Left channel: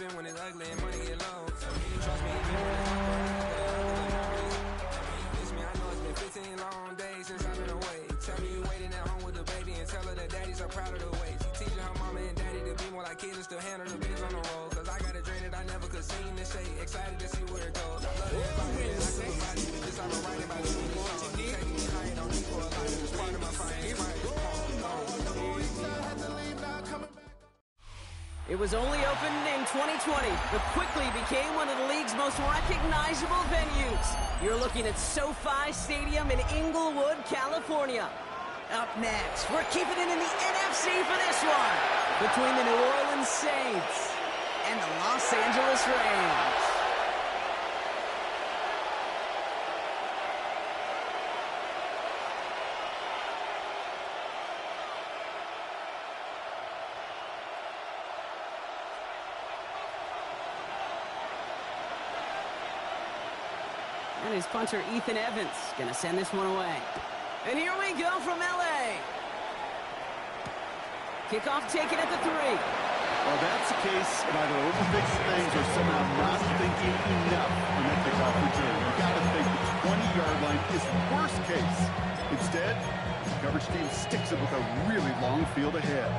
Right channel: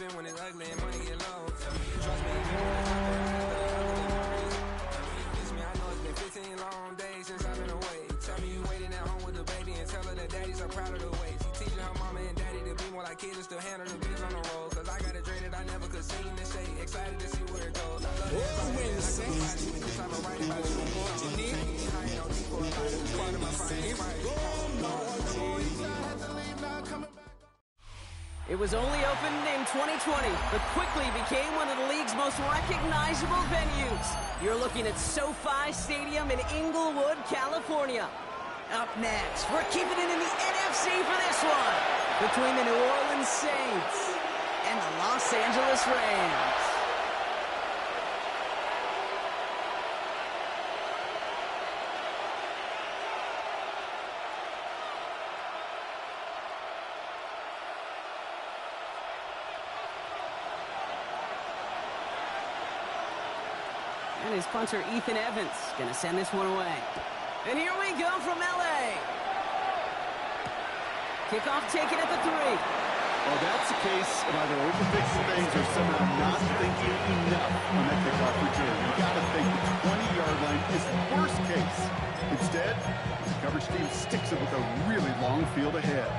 even when it's ugly and money get low. Trust me, even when it's hard, miss me, I know it's been 15 long days since I've been away. Tell me you waiting at home with the baby and tell her that daddy's so proud of the way. She teaching her mama and daddy to be more like kids and still handle the biz on the road. Cause I got a dream that I never could seem to say. Excited to see where it goes. I love everybody and I could provide you with this. I'm writing about you in the song. Taking me high, no need for a light. It's part of my fire. It was only opened in 2020, but quickly became one of the league's most recognizable venues. You're looking at SoFi Stadium in Inglewood, California. Up next, we're keeping it in the NFC for this one, between the New Orleans Saints and the Los Angeles Rams. And his punter, Ethan Evans, going to send this one away. And here we go from L.A. Kickoff taken at the 3. Well, that's the case of either overthinking things or somehow not thinking enough on that kickoff return. You got to think the 20-yard line is worst case. Instead, the coverage team sticks it with a really long field ahead.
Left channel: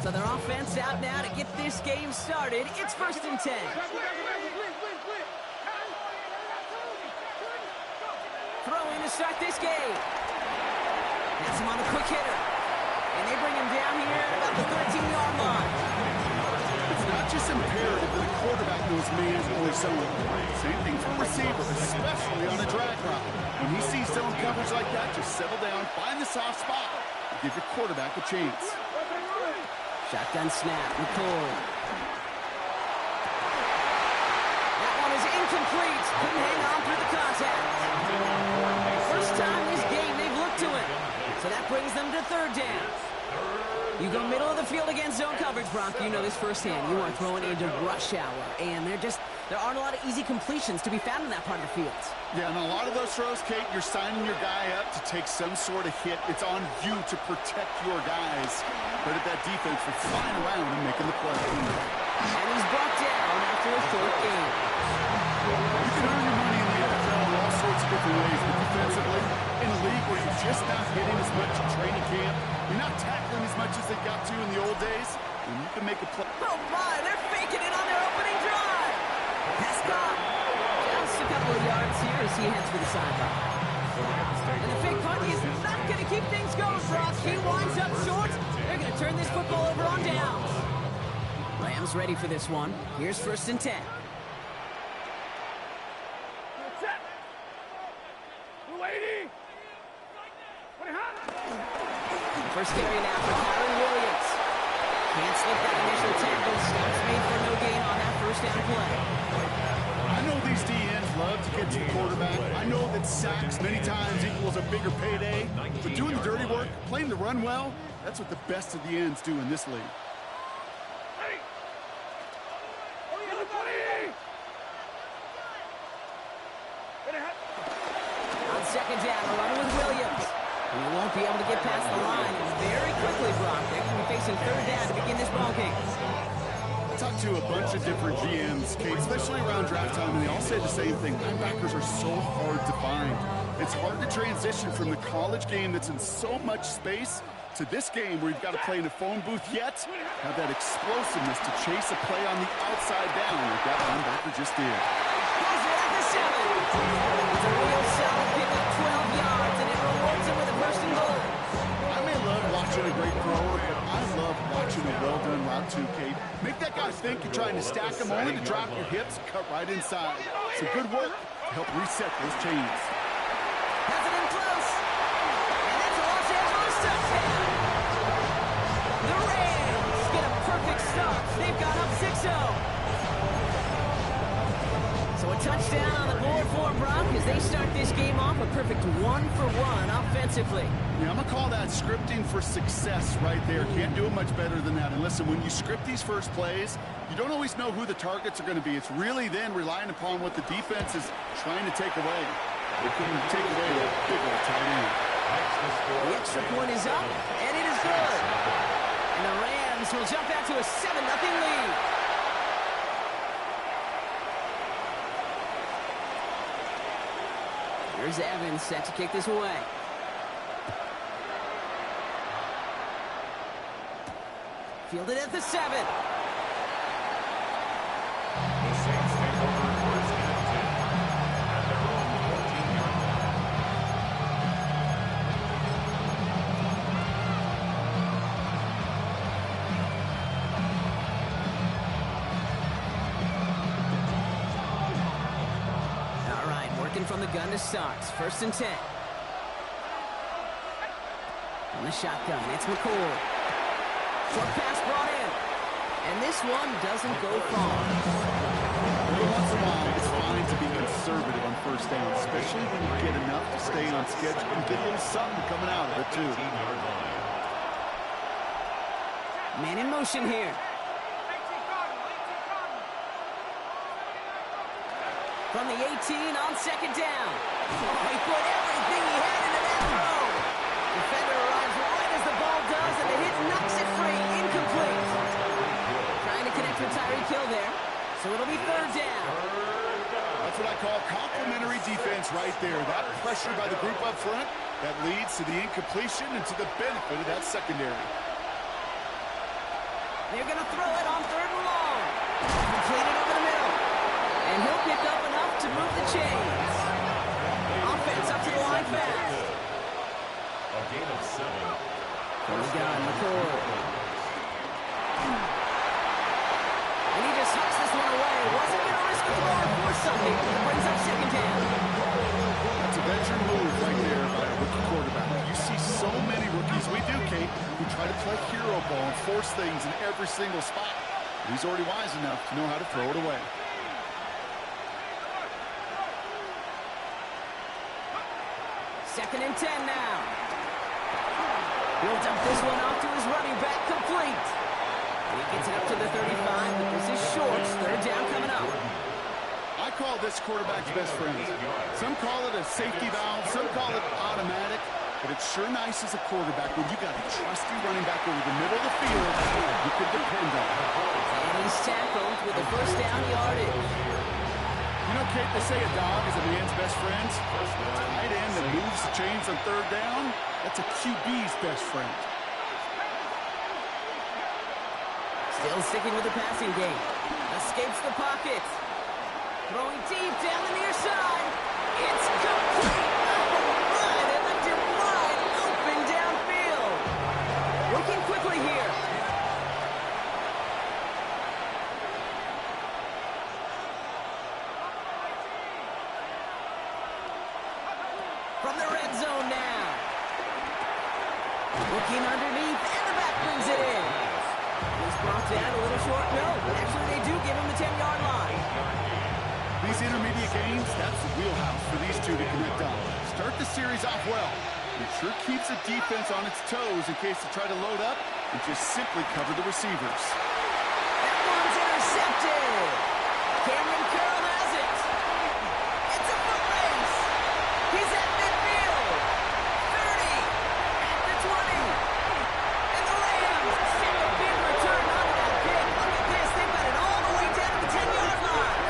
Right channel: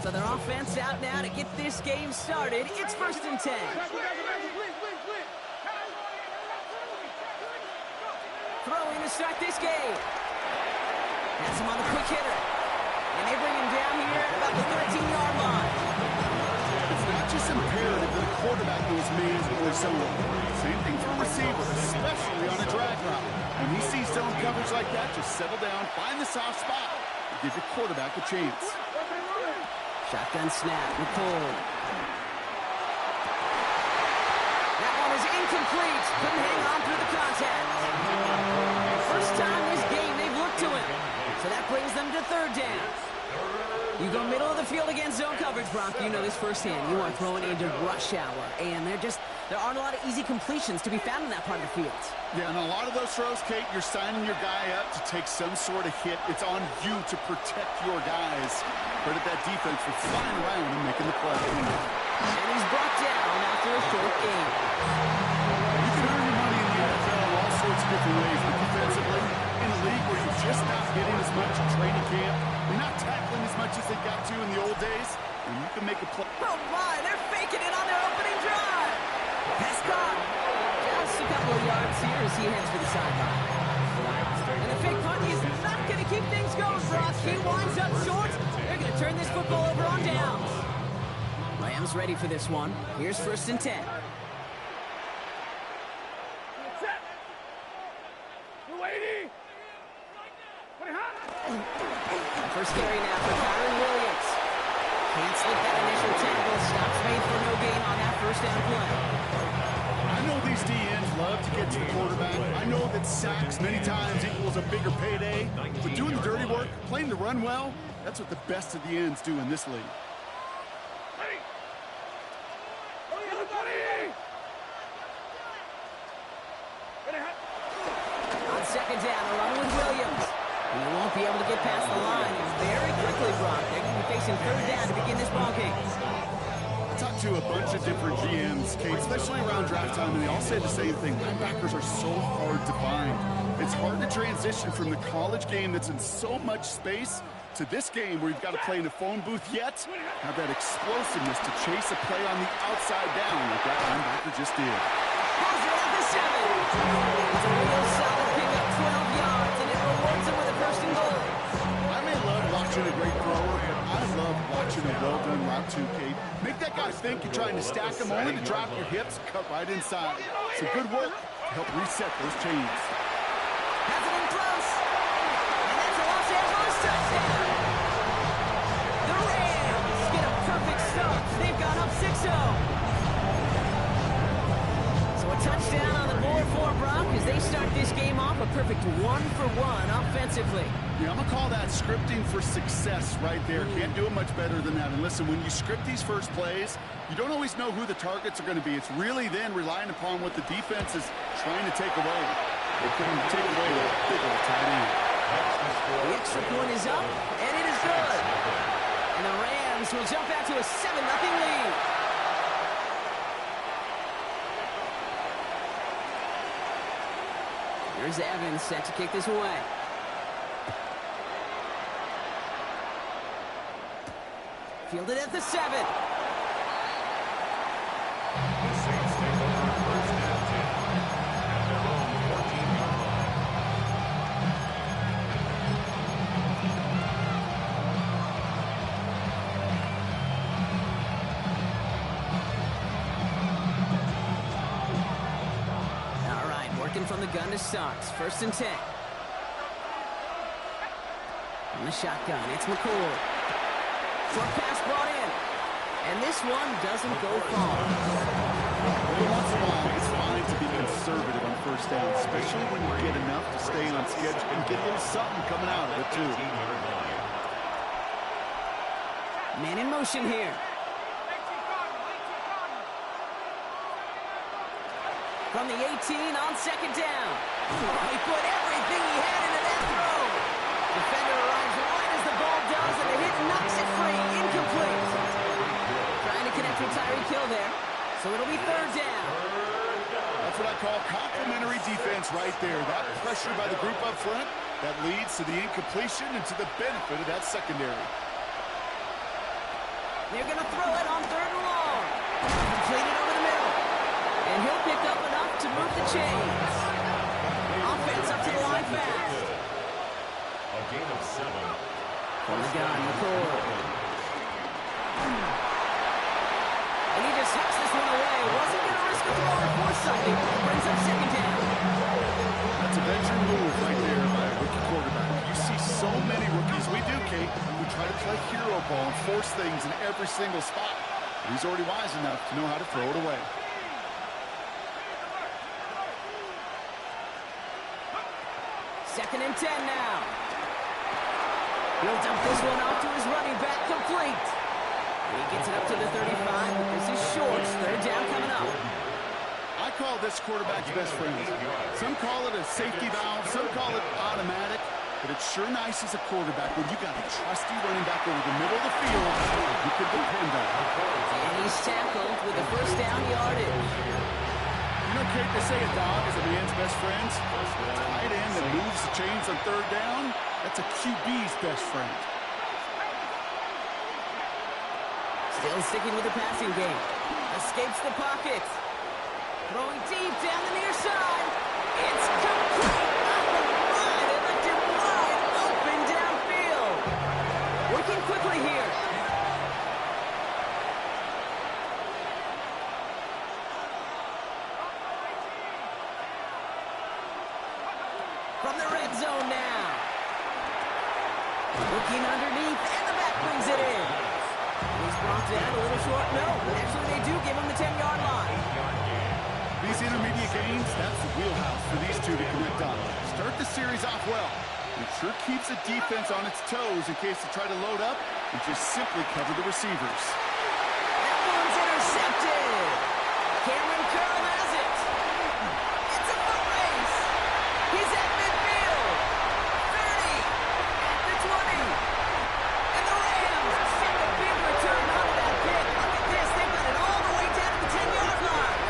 So their offense out now to get this game started. It's 1st and 10. Throwing to start this game. Pass him on the quick hitter. And they bring him down here at about the 13-yard line. It's not just imperative that a quarterback knows man or zone. Same thing for a receiver, especially on a drag route. When he sees zone coverage like that, just settle down, find the soft spot, and give your quarterback a chance. Shotgun snap, McCoy. That one is incomplete. Couldn't hang on through the contact. First time this game they've looked to him. So that brings them to 3rd down. You go middle of the field against zone coverage, Bronk. You know this firsthand. You are throwing into rush hour. And there aren't a lot of easy completions to be found in that part of the field. Yeah, and a lot of those throws, Kate, you're signing your guy up to take some sort of hit. It's on you to protect your guys. Credit that defense for flying around and making the play. And he's brought down after a short game. You can earn your money in the NFL in all sorts of different ways, but defensively, in a league where you're just not hitting as much in training camp, you're not tackling as much as they got to in the old days, and you can make a play. Oh my, they're faking it on their opening drive. Pass caught. Just a couple of yards here as he heads for the sideline. And the fake punt is not going to keep things going, Brock. He winds up short. They're going to turn this football over on downs. Rams ready for this one. Here's 1st and 10. First carry now for Kyron Williams. Can't slip that initial tackle. Stops made for no gain on that 1st down play. I know these DNs love to get to the quarterback. I know that sacks many times equals a bigger payday. But doing the dirty work, playing the run well, that's what the best of the ends do in this league. On 2nd down, a run with Williams. And he won't be able to get past the line. And very quickly, Brock, they're going to be facing 3rd down to begin this ball game. I talked to a bunch of different GMs, Kate, especially around draft time, and they all say the same thing. Linebackers are so hard to find. It's hard to transition from the college game that's in so much space to this game where you've got to play in a phone booth, yet have that explosiveness to chase a play on the outside down like that linebacker just did. Pulls it at the 7. It's a real solid pickup, 12 yards, and it rewards him with a 1st and goal. I may love watching a great thrower, but I love watching a well-done route too, Kate. Make that guy think you're trying to stack him only to drop your hips, cut right inside. So good work to help reset those chains. Has it in close. And that's a Los Angeles touchdown. The Rams get a perfect start. They've gone up 6-0. So a touchdown on the board for Brock as they start this game off a perfect 1-for-1 offensively. Yeah, I'm going to call that scripting for success right there. Can't do it much better than that. And listen, when you script these first plays, you don't always know who the targets are going to be. It's really then relying upon what the defense is trying to take away. They couldn't take away that big old tight end. The extra point is up, and it is good. And the Rams will jump out to a 7-0 lead. Here's Evans set to kick this away. Fielded at the 7. The Saints take over first and 10 at their own 14-yard line. All right, working from the gun to start. First and 10. On the shotgun, it's McCord. Short pass brought in. And this one doesn't go far. Every once in a while, it's fine to be conservative on first down, especially when you get enough to stay on schedule and get a little something coming out of it, too. 18-yard line. Man in motion here. From the 18 on second down. Oh, he put everything he had into that throw. Defender arrives right as the ball does, and the hit knocks it free. Incomplete. Trying to connect with Tyreek Hill there. So it'll be third down. That's what I call complimentary defense right there. That pressure by the group up front, that leads to the incompletion and to the benefit of that secondary. They're going to throw it on third and long. Completed over the middle. And he'll pick up enough to move the chains. Offense up to the line fast. A gain of 7. From the gun, McCord. And he just hucks this one away. Wasn't going to risk a throw or force something. Brings up second down. That's a veteran move right there by a rookie quarterback. You see so many rookies, we do, Kate, who try to play hero ball and force things in every single spot. But he's already wise enough to know how to throw it away. Second and 10 now. He'll dump this one off to his running back, complete. And he gets it up to the 35, but this is short. Third down coming up. I call this quarterback's best friend. Some call it a safety valve, some call it automatic, but it's sure nice as a quarterback when you got a trusty running back over the middle of the field you could depend on. And he's tackled with a first down yardage. You know, Kate, they say a dog is a man's best friend. Tight end that moves the chains on third down, that's a QB's best friend. Still sticking with the passing game. Escapes the pocket. Throwing deep down the near side. It's complete. Oh, my. They left him wide open downfield. Working quickly here. From the red zone now. Looking underneath, and the back brings it in. He's brought down a little short. No, actually they do give him the 10-yard line. These intermediate gains, that's the wheelhouse for these two to connect on. Start the series off well. It sure keeps the defense on its toes in case they try to load up and just simply cover the receivers. That one's intercepted. Cameron Curl has it. It's a foot race. He's at midfield. 30. At the 20. And the Rams send a big return onto that pick. Look at this. They've got it all the way down to the 10-yard line.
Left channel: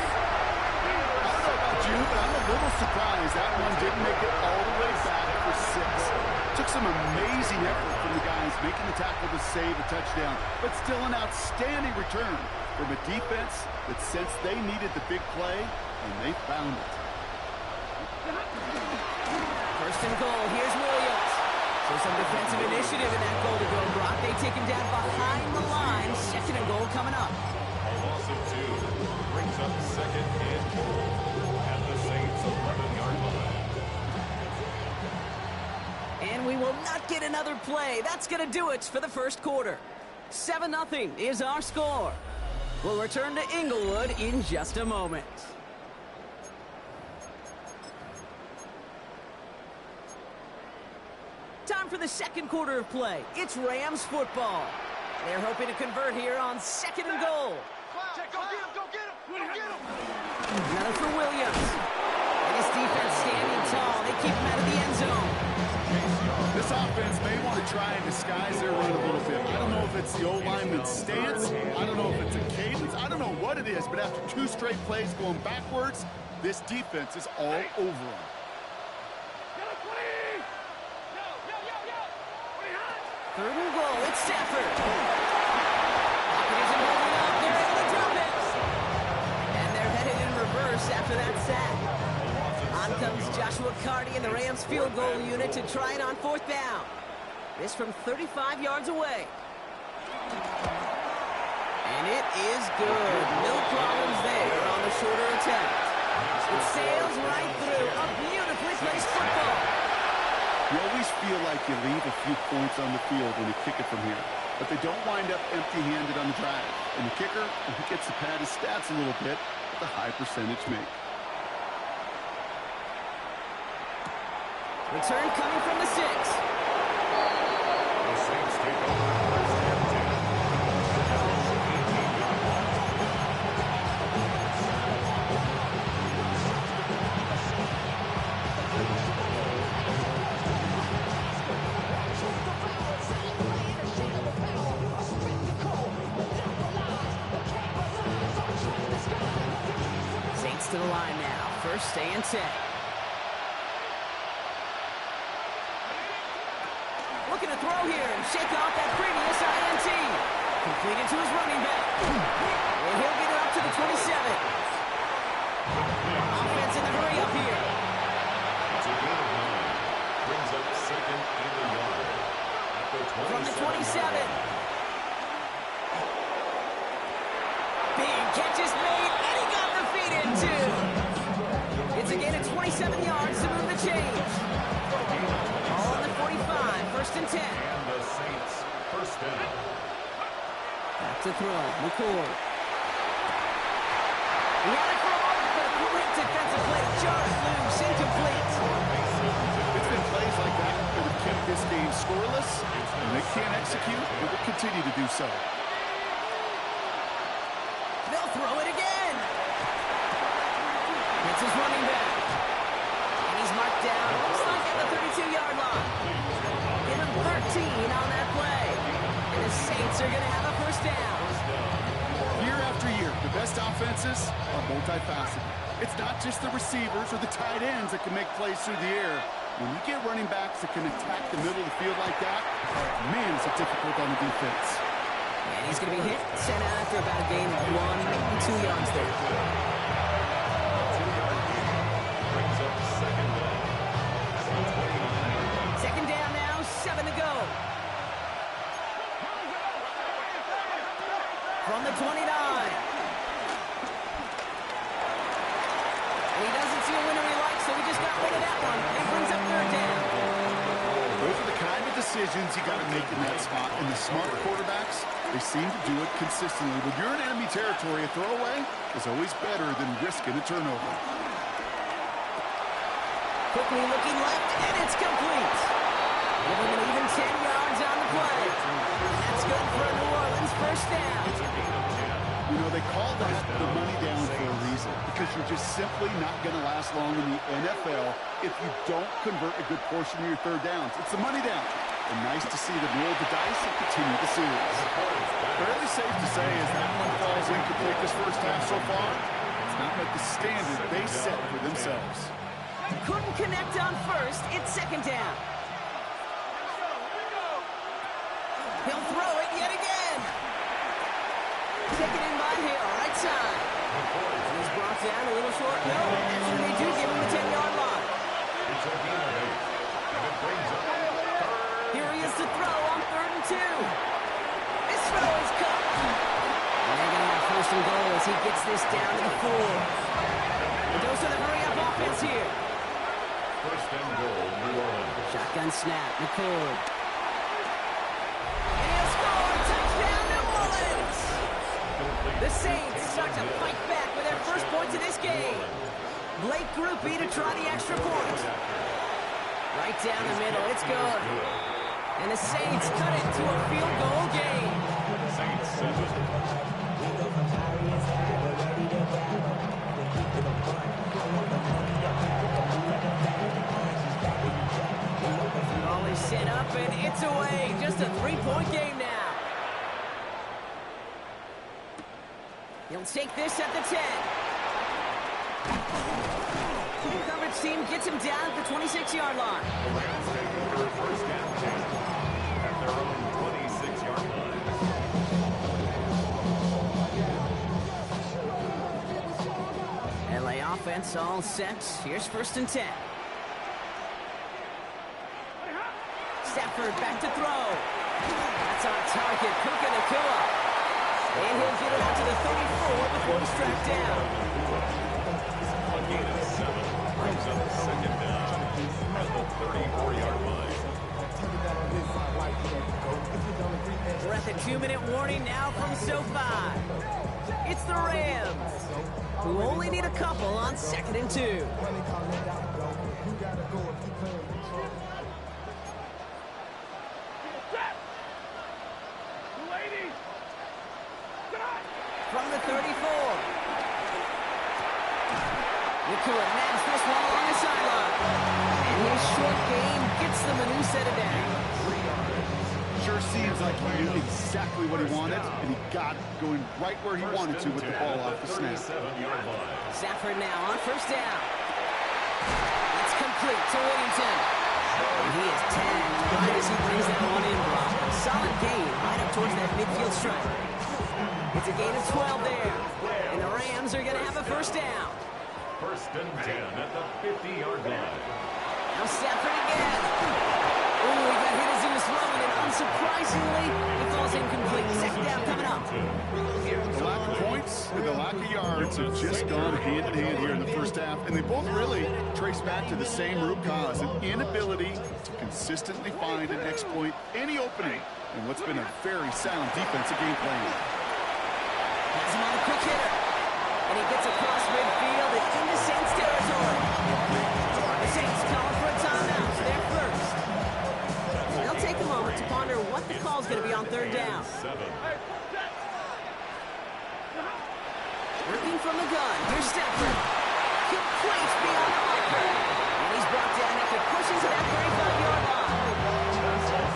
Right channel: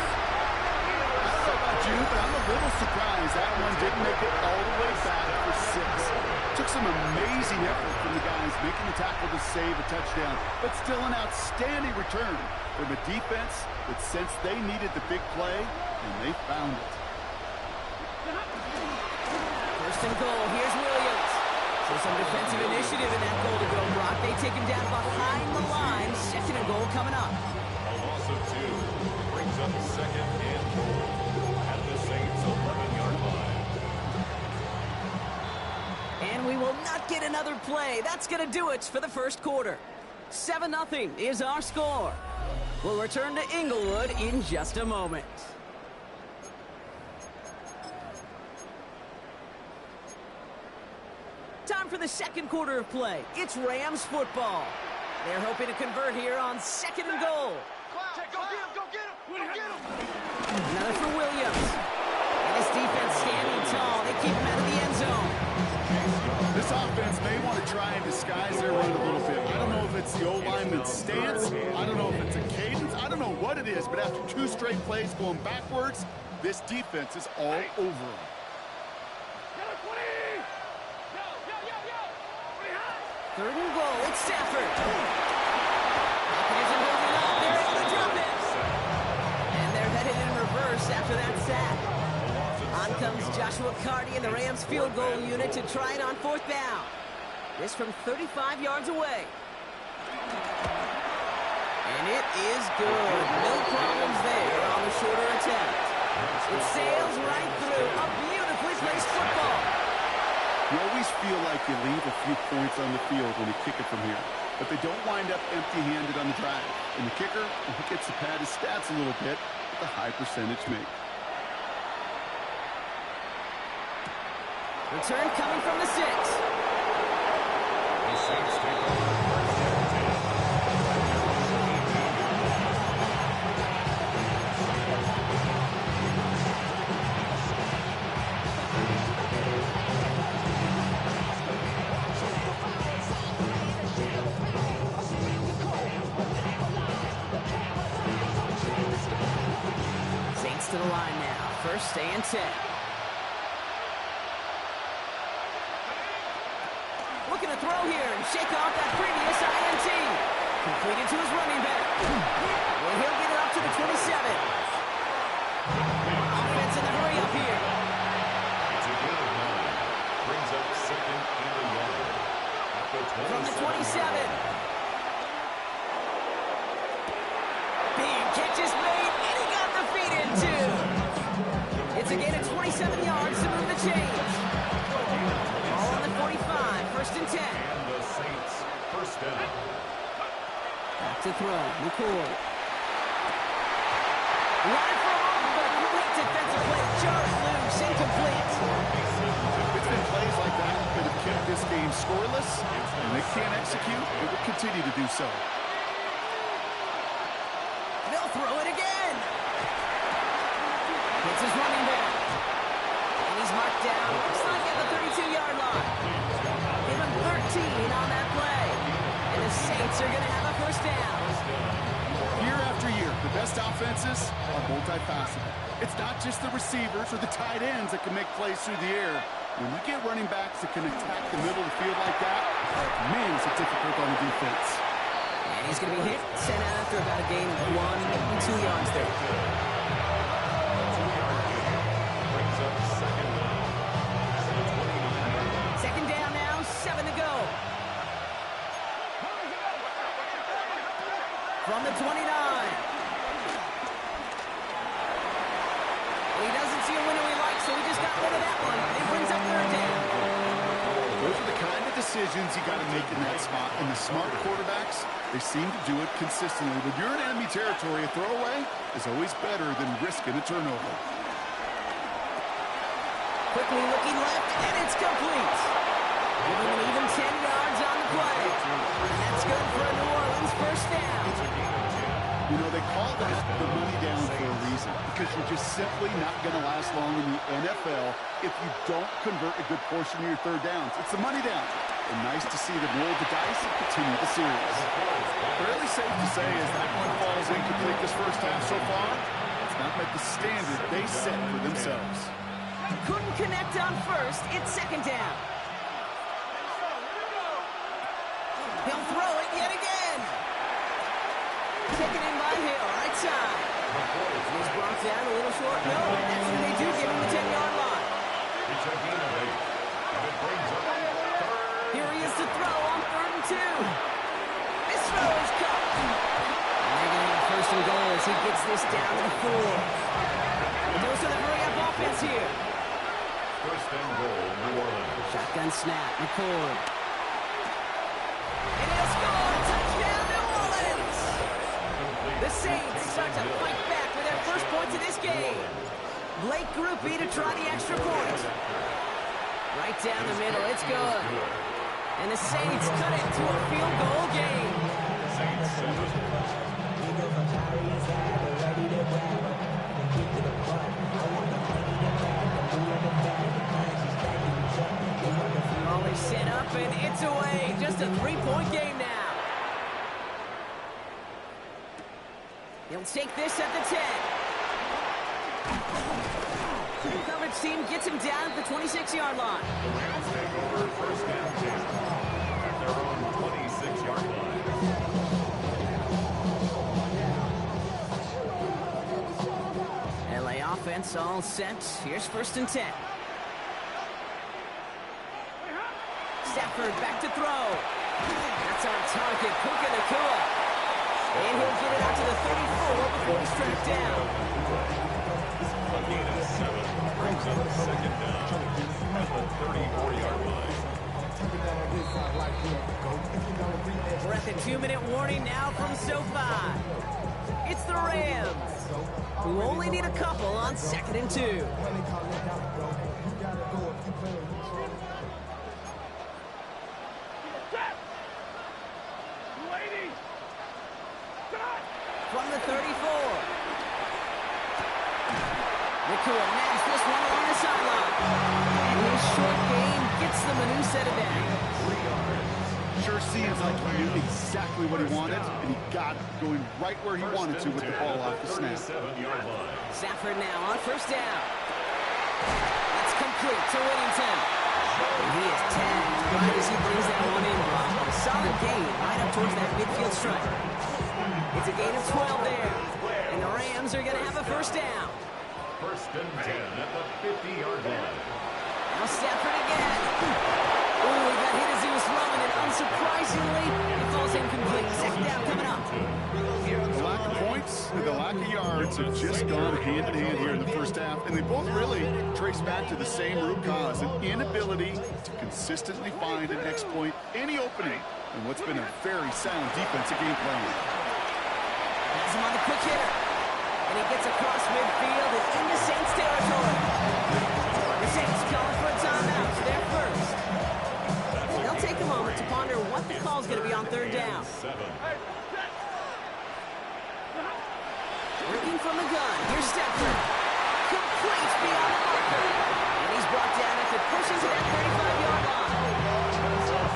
I don't know about you, but I'm a little surprised that one didn't make it all the way back for 6. Took some amazing effort from the guys making the tackle to save a touchdown, but still an outstanding return from a defense that sensed they needed the big play, and they found it. First and goal. Here's Williams. So some defensive initiative in that goal to go, Brock. They take him down behind the line. Second and goal coming up. A loss of 2 brings up second and goal at the Saints' 11-yard line. And we will not get another play. That's going to do it for the first quarter. 7-0 is our score. We'll return to Inglewood in just a moment. the second quarter of play. It's Rams football. They're hoping to convert here on 2nd and goal. Go get him! Another for Williams. And his defense standing tall. They keep him out of the end zone. This offense may want to try and disguise their run a little bit. I don't know if it's the O-lineman's stance. I don't know if it's a cadence. I don't know what it is, but after 2 straight plays going backwards, this defense is all over them. 3rd and goal. It's Stafford. Pocket isn't holding up. They're able to drop it. And they're headed in reverse after that sack. On comes Joshua Carty and the Rams field goal unit to try it on 4th down. This from 35 yards away. And it is good. No problems there on the shorter attempt. It sails right through. A beautifully placed football. You always feel like you leave a few points on the field when you kick it from here. But they don't wind up empty-handed on the drive. And the kicker, he gets to pad his stats a little bit with a high percentage make. Return coming from the 6. The Saints take over 1st and 10. At their own 18-yard line. Saints to the line now. 1st and 10. Looking to throw here and shake off that previous INT. Completed to his running back. And he'll get it up to the 27. Offense in the hurry up here. It's a gain of 9. Brings up 2nd and a yard. At the 27. From the 27. Big catch is made, and he got the feet in too. It's a gain of 27 yards to move the change. Ball on the 45, 1st and 10. And the Saints 1st down. Back to throw, McCord. He had it for a moment, but a great defensive play. Jarred loose, incomplete. It's been plays like that that have kept this game scoreless, and they can't execute. They will continue to do so. They'll throw it again. Hits his running back. And he's marked down, looks like at the 32-yard line. Give him 13 on that play. And the Saints are going to have a 1st down. Year after year, the best offenses are multifaceted. It's not just the receivers or the tight ends that can make plays through the air. When you get running backs that can attack the middle of the field like that, man, is it difficult on the defense. And he's going to be hit, sent out after about a gain of 1, maybe 2 yards there. 2-yard gain. Brings up 2nd down. At the 29-yard line. 2nd down now, 7 to go. From the 29. And he doesn't see a winner he likes, so he just got rid of that one. It brings up 3rd down. Those are the kind of decisions you got to make in that spot. And the smart quarterbacks, they seem to do it consistently. When you're in enemy territory, a throwaway is always better than risking a turnover. Quickly looking left, and it's complete. Giving an even 10 yards on the play. And that's good for a New Orleans 1st down. It's a gain of 10. You know, they call that the money down for a reason, because you're just simply not going to last long in the NFL if you don't convert a good portion of your 3rd downs. It's the money down. And nice to see them roll the dice and continue the series. Fairly safe to say as that one falls incomplete this 1st half so far, it's not met the standard they set for themselves. Couldn't connect on 1st. It's 2nd down. He'll throw it yet again. Taken in by Hill, right side. And he's brought down a little short. No, actually they do give him the 10-yard line. It's a gain of 8. And it brings up 3rd. Here he is to throw on 3rd and 2. This throw is cut. And they're going to have 1st and goal as he gets this down to the 4. The dose of the hurry-up offense here. 1st and goal, New Orleans. Shotgun snap, McCord. And he'll score! Touchdown, New Orleans! The Saints start to fight back with their first points of this game. Blake Grupe to try the extra point. Right down the middle, it's good. And the Saints cut it to a field goal game. Saints 7. Ball is set up and it's away. Just a 3-point game now. He'll take this at the 10. The coverage team gets him down at the 26-yard line. The Rams take over first down 10 at their own 26-yard line. LA offense all set. Here's first and 10. Stafford back to throw. That's on target. Puka Nacua. And he'll get it out to the 34 before he's tracked down. A gain of 7 brings up second down at the 34-yard line. We're at the 2-minute warning now from SoFi. It's the Rams, who only need a couple on 2nd and 2. From the 34. Nacua nabs this one along the sideline. And his short game gets them a new set of downs. Sure seems like he knew exactly what he wanted, and he got it, going right where he wanted to with the ball off the snap. 37-yard line. Stafford now on first down. It's complete to Whittington. And he is tagged right as he brings that one in, Brock. But a solid gain right up towards that midfield stripe. It's a gain of 12 there. And the Rams are going to have a first down. First and 10 at the 50-yard line. Now Stafford again. Ooh, he got hit as he was throwing, and unsurprisingly, it falls incomplete. Second down coming up. The lack of points and the lack of yards have just gone hand in hand here in the first half, and they both really trace back to the same root cause, an inability to consistently find and exploit any opening in what's been a very sound defensive game plan. Has him on the quick hitter. And he gets across midfield and into Saints territory. The Saints calling for a timeout. So they're first. They'll take a moment to ponder what the call is going to be on third down. Working from the gun. Here's Stafford. Complete beyond the marker. And he's brought down after pushing to that 35-yard line.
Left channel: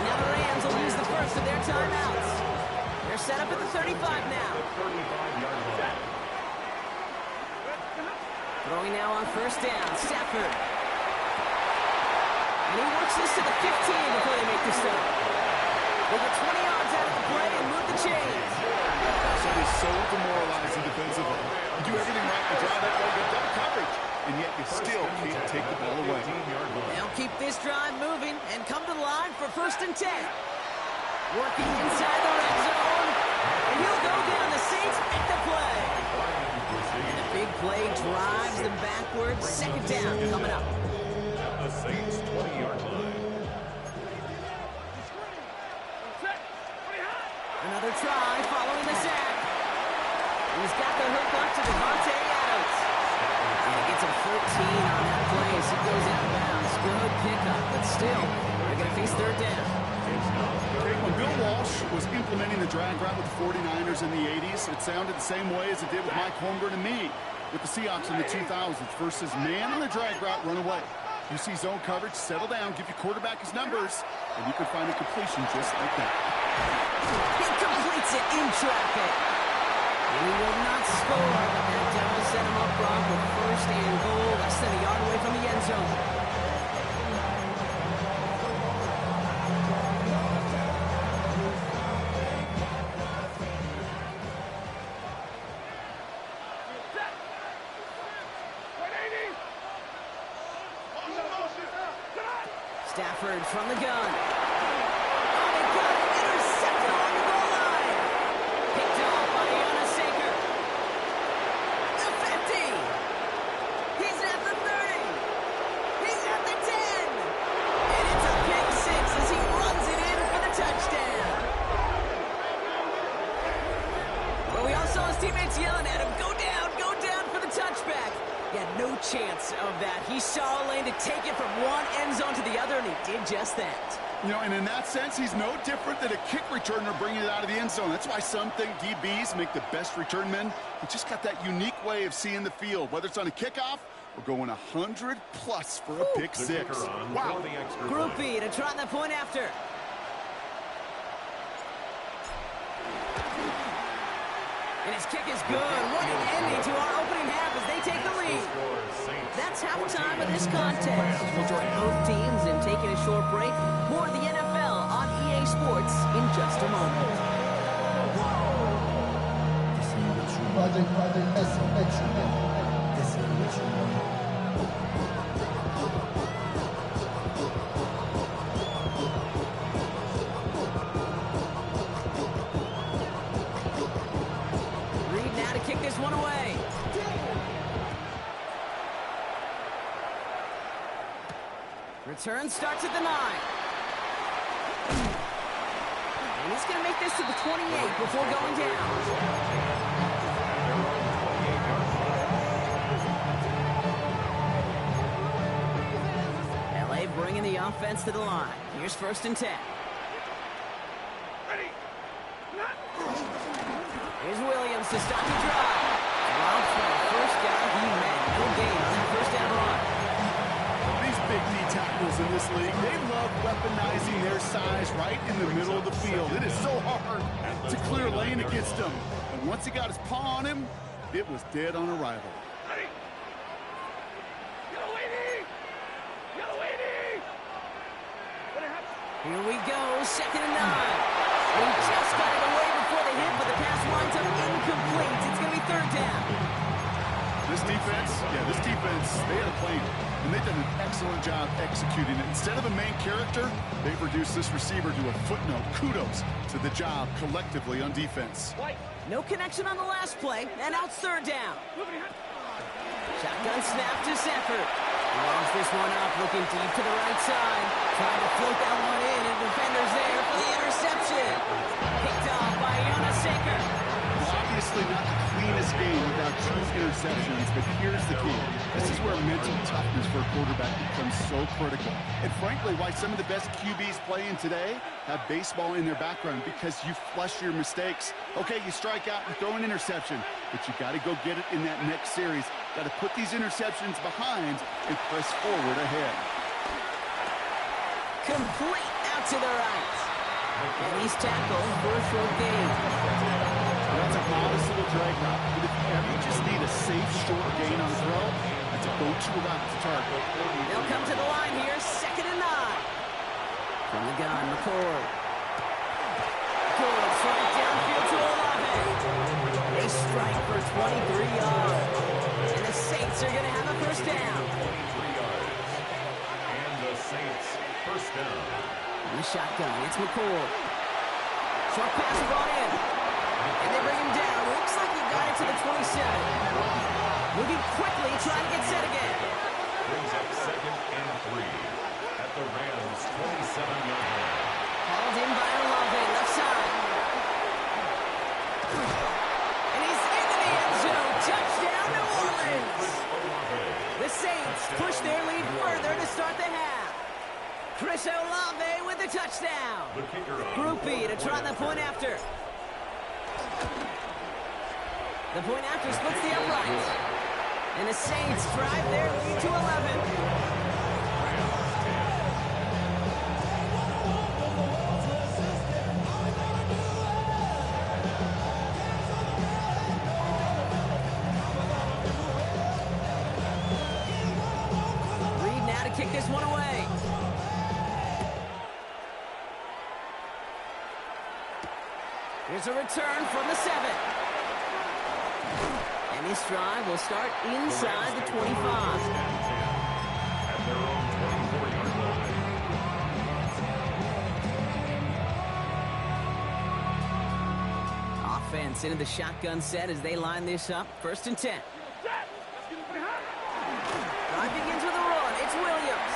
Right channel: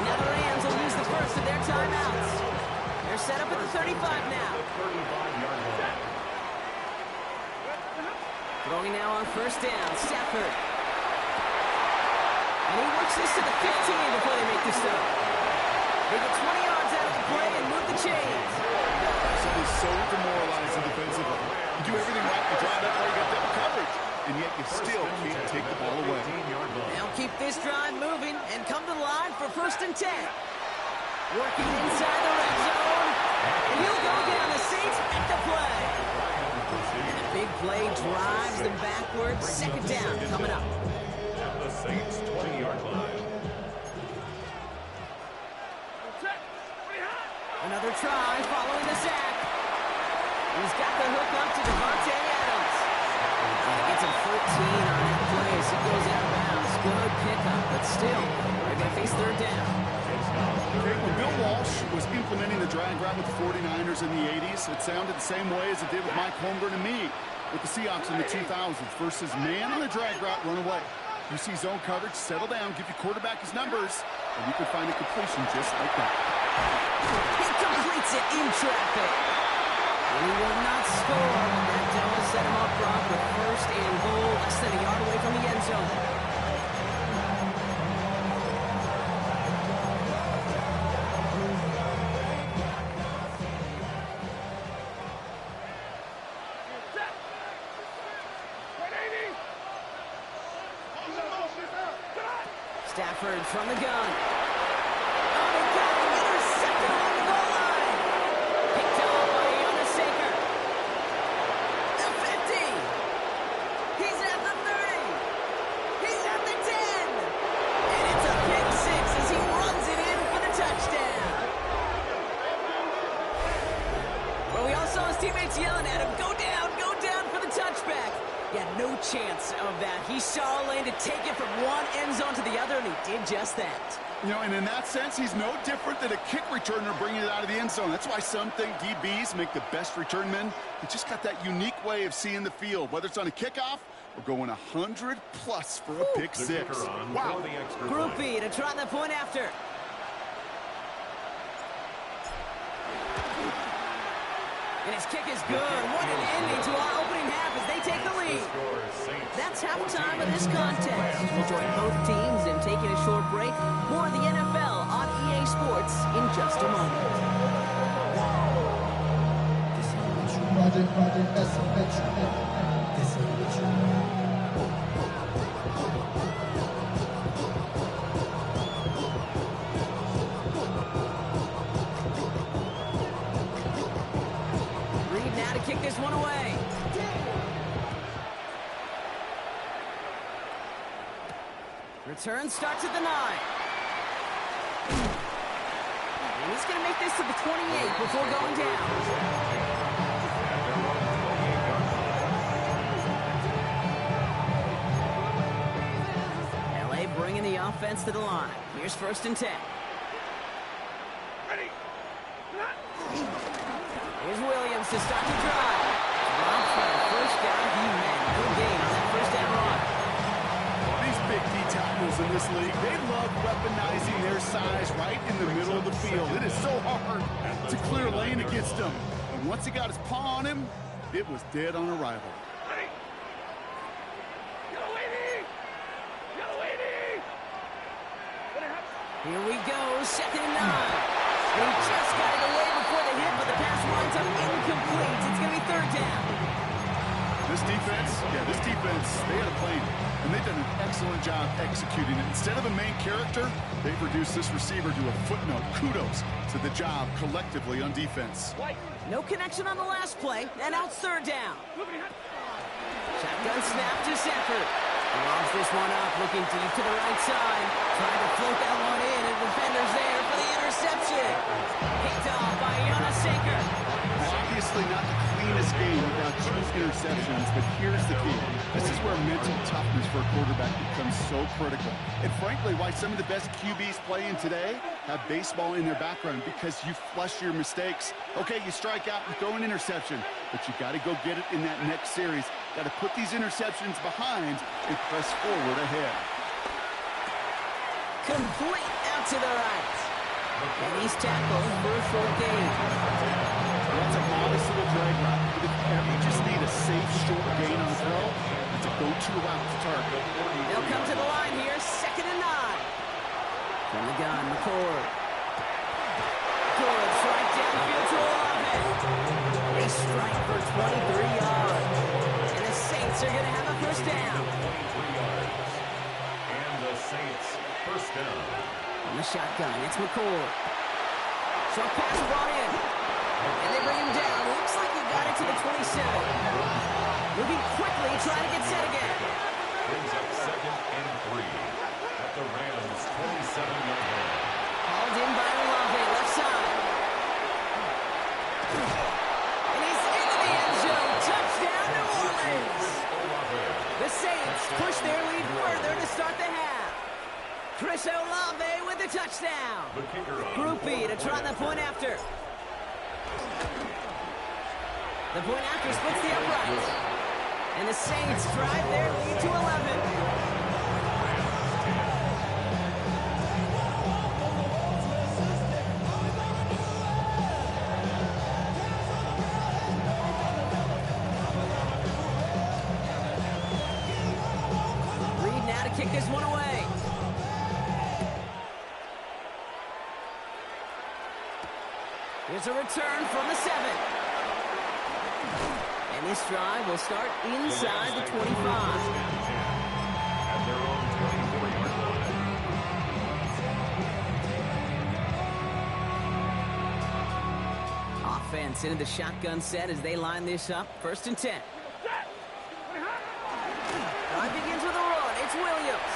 Now the Rams will use the first of their timeouts. They're set up at the 35 now. Throwing now on first down, Stafford. And he works this to the 15 before they make the stop. They get 20 yards out of the play and move the chains. So it is so demoralizing defensively. You do everything right, you draw that way, you got double coverage, and yet you still can't take the ball away. They'll keep this drive moving and come to the line for first and 10. Working inside the red zone, and he'll go down. The Saints make the play. And the big play drives them backwards. Second down coming up. At the Saints 20-yard line. Another try following the sack. He's got the hook up to Devontae Adams. And he gets a 13 on that play as he goes out of bounds. Good pickup, but still, they're going to face third down. Okay, when Bill Walsh was implementing the drag route with the 49ers in the 80s, it sounded the same way as it did with Mike Holmgren and me with the Seahawks in the 2000s versus man on the drag route, run away. You see zone coverage, settle down, give your quarterback his numbers, and you can find a completion just like that. He completes it in traffic. And he will not score, but that does set him up, Brock, with first and goal, less than a yard away from the end zone. Stafford from the gun. Oh, they got it. Intercepted along the goal line. Picked off by Jonas Saker. The 50. He's at the 30. He's at the 10. And it's a pick six as he runs it in for the touchdown. But we all saw his teammates yelling at him, go down for the touchback. Yeah, no chance of that. He saw a lane to take it from one end zone to the other, and he did just that. You know, and in that sense, he's no different than a kick returner bringing it out of the end zone. That's why some think DBs make the best return men. They just got that unique way of seeing the field, whether it's on a kickoff or going 100+ for a pick six. Wow. Group B to try the point after. And his kick is good. What an ending to our opening half as they take the lead. That's halftime of this contest. We'll join both teams in taking a short break. More of the NFL on EA Sports in just a moment. Project S. Reed now to kick this one away. Return starts at the 9. And he's going to make this to the 28 before going down. Bringing the offense to the line. Here's 1st and 10. Ready. Here's Williams to start the drive. Drops for the first down he meant. No gain on that first down run. These big D tackles in this league, they love weaponizing their size right in the middle of the field. It is so hard to clear lane against them. And once he got his paw on him, it was dead on arrival. Ready. Here we go, 2nd and 9. He just got it away before the hit, but the pass winds up incomplete. It's going to be 3rd down. This defense, they had a plan, and they've done an excellent job executing it. Instead of a main character, they've reduced this receiver to a footnote. Kudos to the job collectively on defense. No connection on the last play, and now it's 3rd down. Shotgun snap to Sanford. He lobs this one up, looking deep to the right side. Trying to float that one in, and defender's there for the interception. Picked off by Jonas Saker. Well, obviously not the cleanest game without 2 interceptions, but here's the key. This is where mental toughness for a quarterback becomes so critical. And frankly, why some of the best QBs playing today have baseball in their background, because you flush your mistakes. Okay, you strike out and throw an interception, but you got to go get it in that next series. Got to put these interceptions behind and press forward ahead. Complete out to the right. And he's tackled for a short gain. That's a modest little drag route, but if you ever just need a safe short gain on the throw, that's a go-to route to target. They'll come to the line here, 2nd and 9. From the gun, McCord. Goods right downfield to Olave. They strike for 23 yards. And the Saints are going to have a first down. 23 yards. And the Saints first down. On the shotgun, it's McCord. Short pass brought in. And they bring him down. Looks like he got it to the 27. Moving quickly, trying to get set again. Brings up 2nd and 3 at the Rams' 27-yard line. Hauled in by Olave, left side. And he's into the end zone. Touchdown, New Orleans. The Saints push their lead further to start the half. Chris Olave with the touchdown. The kicker on Group B to try the point after. The point after splits the uprights. And the Saints drive their lead to 11. Kick this one away. Here's a return from the 7. And this drive will start inside the 25. At their own 24-yard line. Offense into the shotgun set as they line this up. 1st and 10. Drive begins with a run. It's Williams.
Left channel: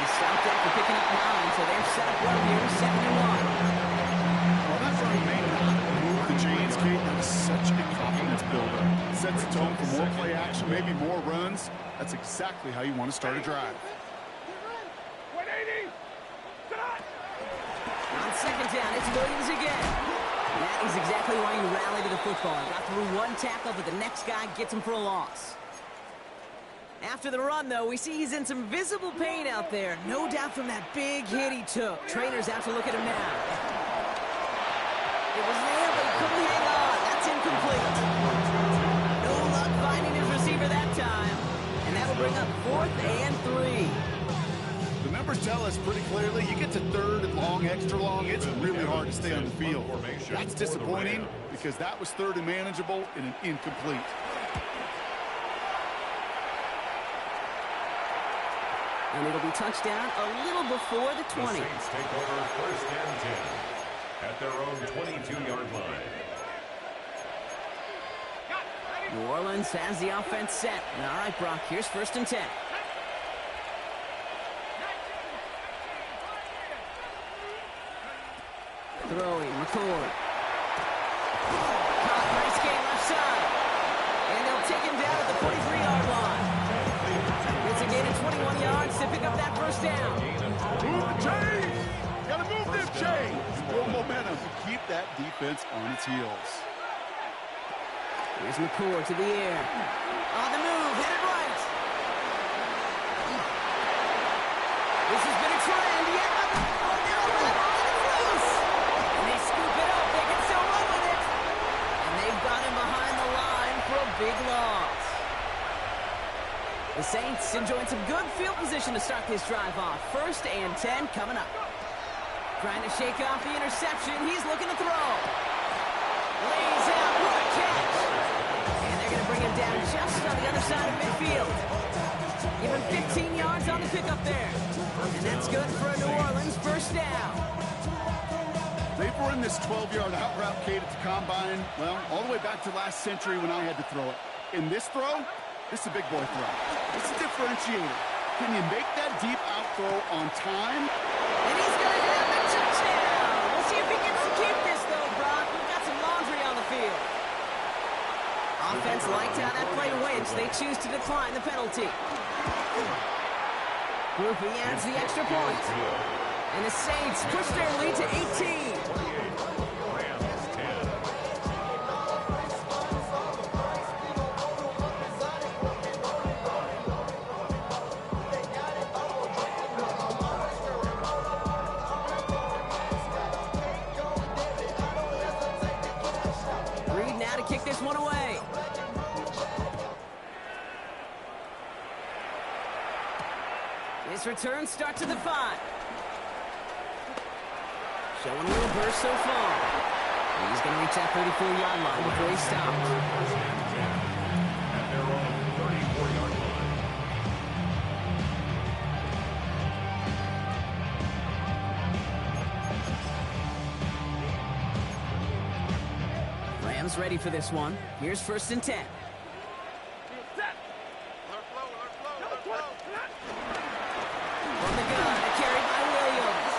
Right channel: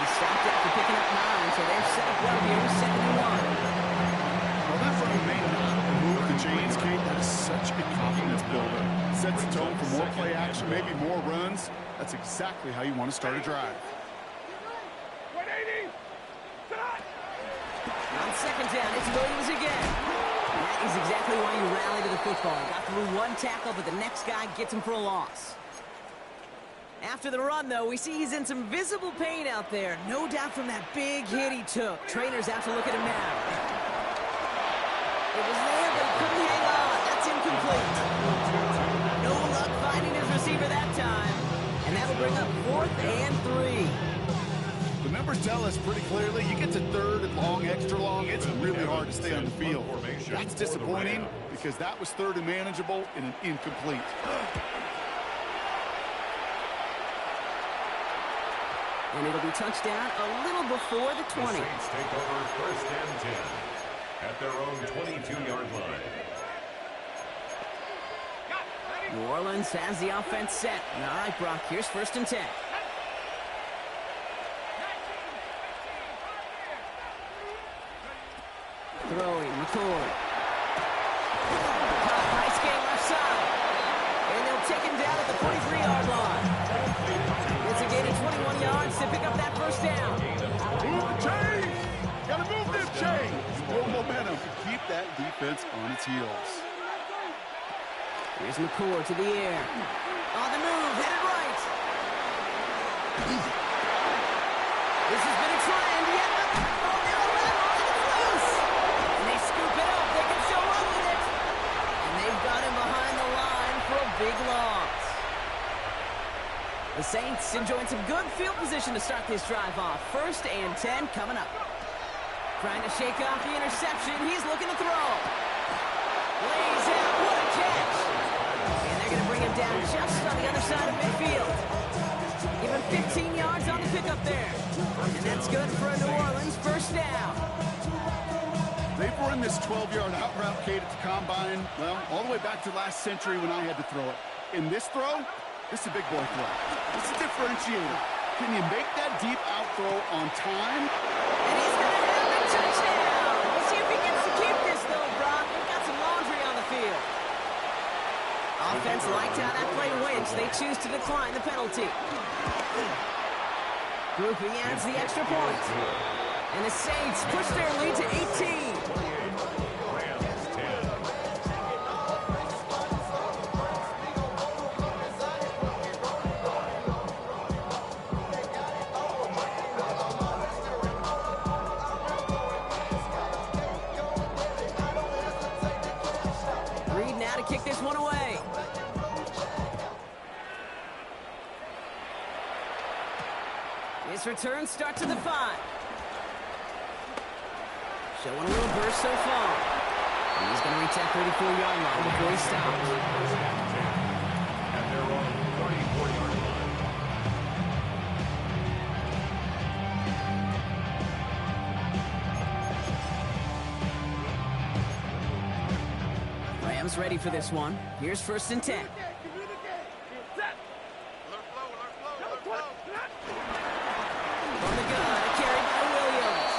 He stopped after picking up 9, so they're set up well here. 2nd and 1. Well, that run may not move the chains, Kate, that is such a confidence builder. Sets the tone for more play action, maybe more runs. That's exactly how you want to start a drive. 180. On second down, it's Williams again. And that is exactly why you rally to the football. Got through one tackle, but the next guy gets him for a loss. After the run, though, we see he's in some visible pain out there. No doubt from that big hit he took. Trainers have to look at him now. It was there, but he couldn't hang on. That's incomplete. No luck finding his receiver that time. And that'll bring up 4th and 3. The numbers tell us pretty clearly, you get to 3rd and long, extra long, it's really hard to stay on the field. That's disappointing because that was 3rd and manageable in an incomplete. And it'll be touchdown a little before the 20. The Saints take over 1st and 10 at their own 22-yard line. New Orleans has the offense set. All right, Brock, here's 1st and 10. Throwing, McCord. Caught, nice game left side. And they'll take him down at the 43-yard line. It's a gain of 21 yards to pick up that 1st down. Move the chains! Gotta move them chains! Build momentum to keep that defense on its heels. Here's McCord to the air. On the move, headed right. This has been a trend, yet it's loose. And they scoop it up, they can still run with it. And they've got him behind the line for a big loss. The Saints enjoying some good field position to start this drive off. 1st and 10 coming up. Trying to shake off the interception. He's looking to throw. Lays out. What a catch. And they're going to bring him down just on the other side of midfield. Give him 15 yards on the pickup there. And that's good for a New Orleans 1st down. They've run this 12-yard out route, Kate, at the combine, well, all the way back to last century when I had to throw it. In this throw, this is a big boy throw. It's a differentiator. Can you make that deep out throw on time? And he's going to have the touchdown. We'll see if he gets to keep this, though, Brock. We've got some laundry on the field. Offense liked how that play went. They choose to decline the penalty. Groupie adds the extra point. And the Saints push their lead to 18. Rams 10. Reed now to kick this one away. His return starts at the 5. Showing a little burst so far. He's going to reach that 34-yard line before he stops. 1st and 10 at their own 34-yard line. Rams ready for this one. Here's 1st and 10. From the gun, a carry by Williams.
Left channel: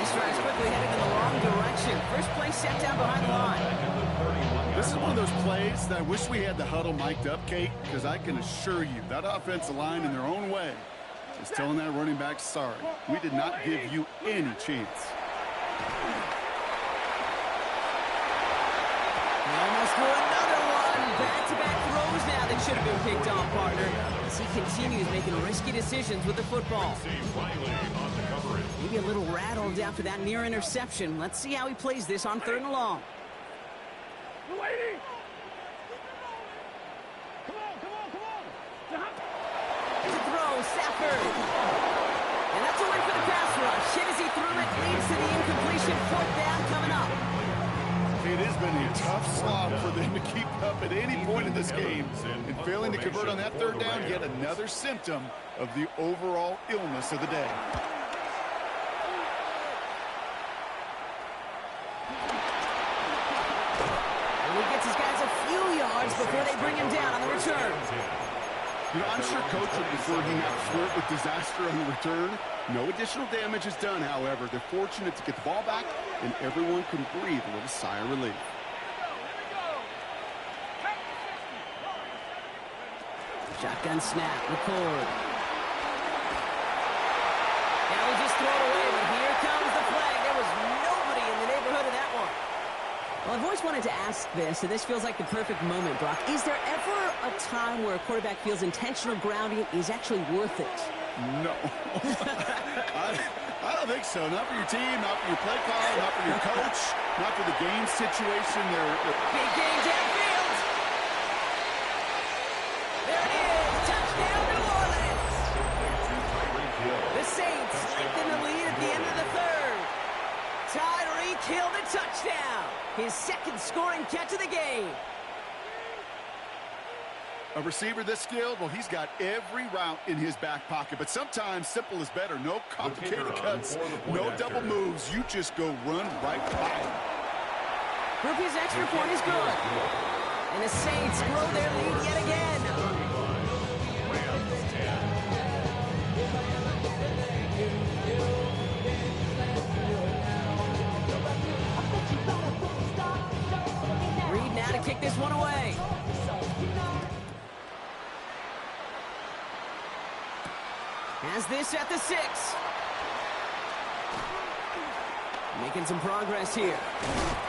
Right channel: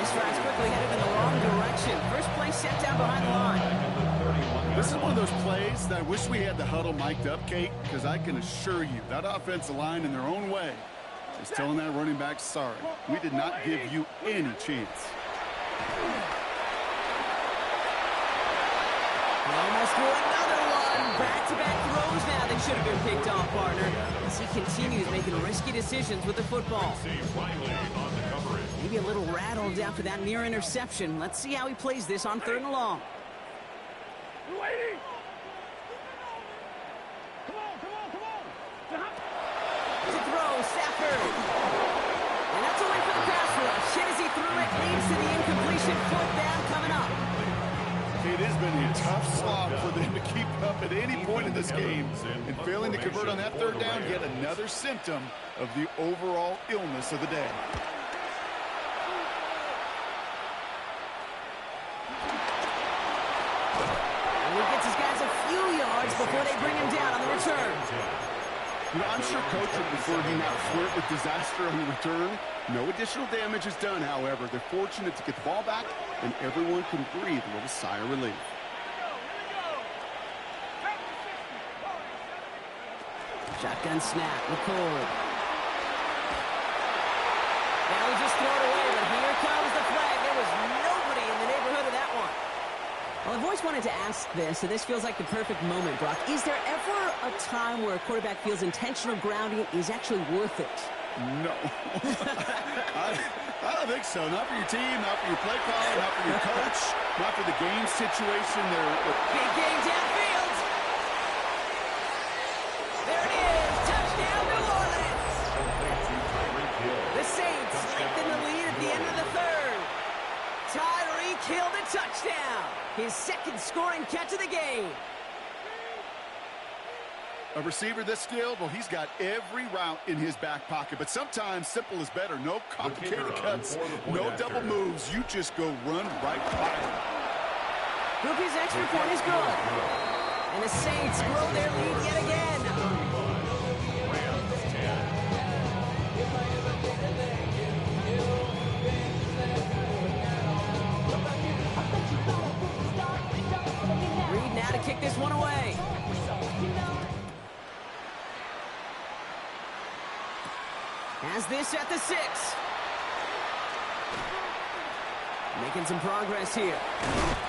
This drive's quickly headed in the wrong direction. First play set down behind the line. This is one of those plays that I wish we had the huddle mic'd up, Kate, because I can assure you that offensive line in their own way is telling that running back, sorry, we did not give you any chance. He almost threw another one. Back-to-back throws now that should have been picked off, partner, as he continues making risky decisions with the football. Riley on the coverage. Maybe a little rattled after that near interception. Let's see how he plays this on 3rd and long. To throw, Stafford. And that's a win for the pass rush. Hit as he threw it, leads to the incompletion. 4th down coming up. It has been a tough slog for them to keep up at any point in this game. And failing to convert on that 3rd down, yet another symptom of the overall illness of the day. And he gets his guys a few yards before they bring him down on the return. You know, I'm sure Coach would prefer he not flirt with disaster on the return. No additional damage is done, however. They're fortunate to get the ball back, and everyone can breathe a little sigh of relief. Shotgun snap, McCord. Now we'll just throw it away, but here comes the flag. There was nobody in the neighborhood of that one. Well, I've always wanted to ask this, and this feels like the perfect moment, Brock. Is there ever a time where a quarterback feels intentional grounding is actually worth it? No. I don't think so. Not for your team, not for your play call, not for your coach, not for the game situation. Big game downfield. There it is. Touchdown, New Orleans. The Saints lengthen the lead at the end of the third. Tyreek Hill the touchdown. His second scoring catch of the game. A receiver this skilled, well, he's got every route in his back pocket. But sometimes simple is better. No complicated cuts, no double moves. You just go run right by him. Groupie's extra point is good. And the Saints grow their lead yet again. Rams 10. Reed now to kick this one away. Has this at the 6. Making some progress here.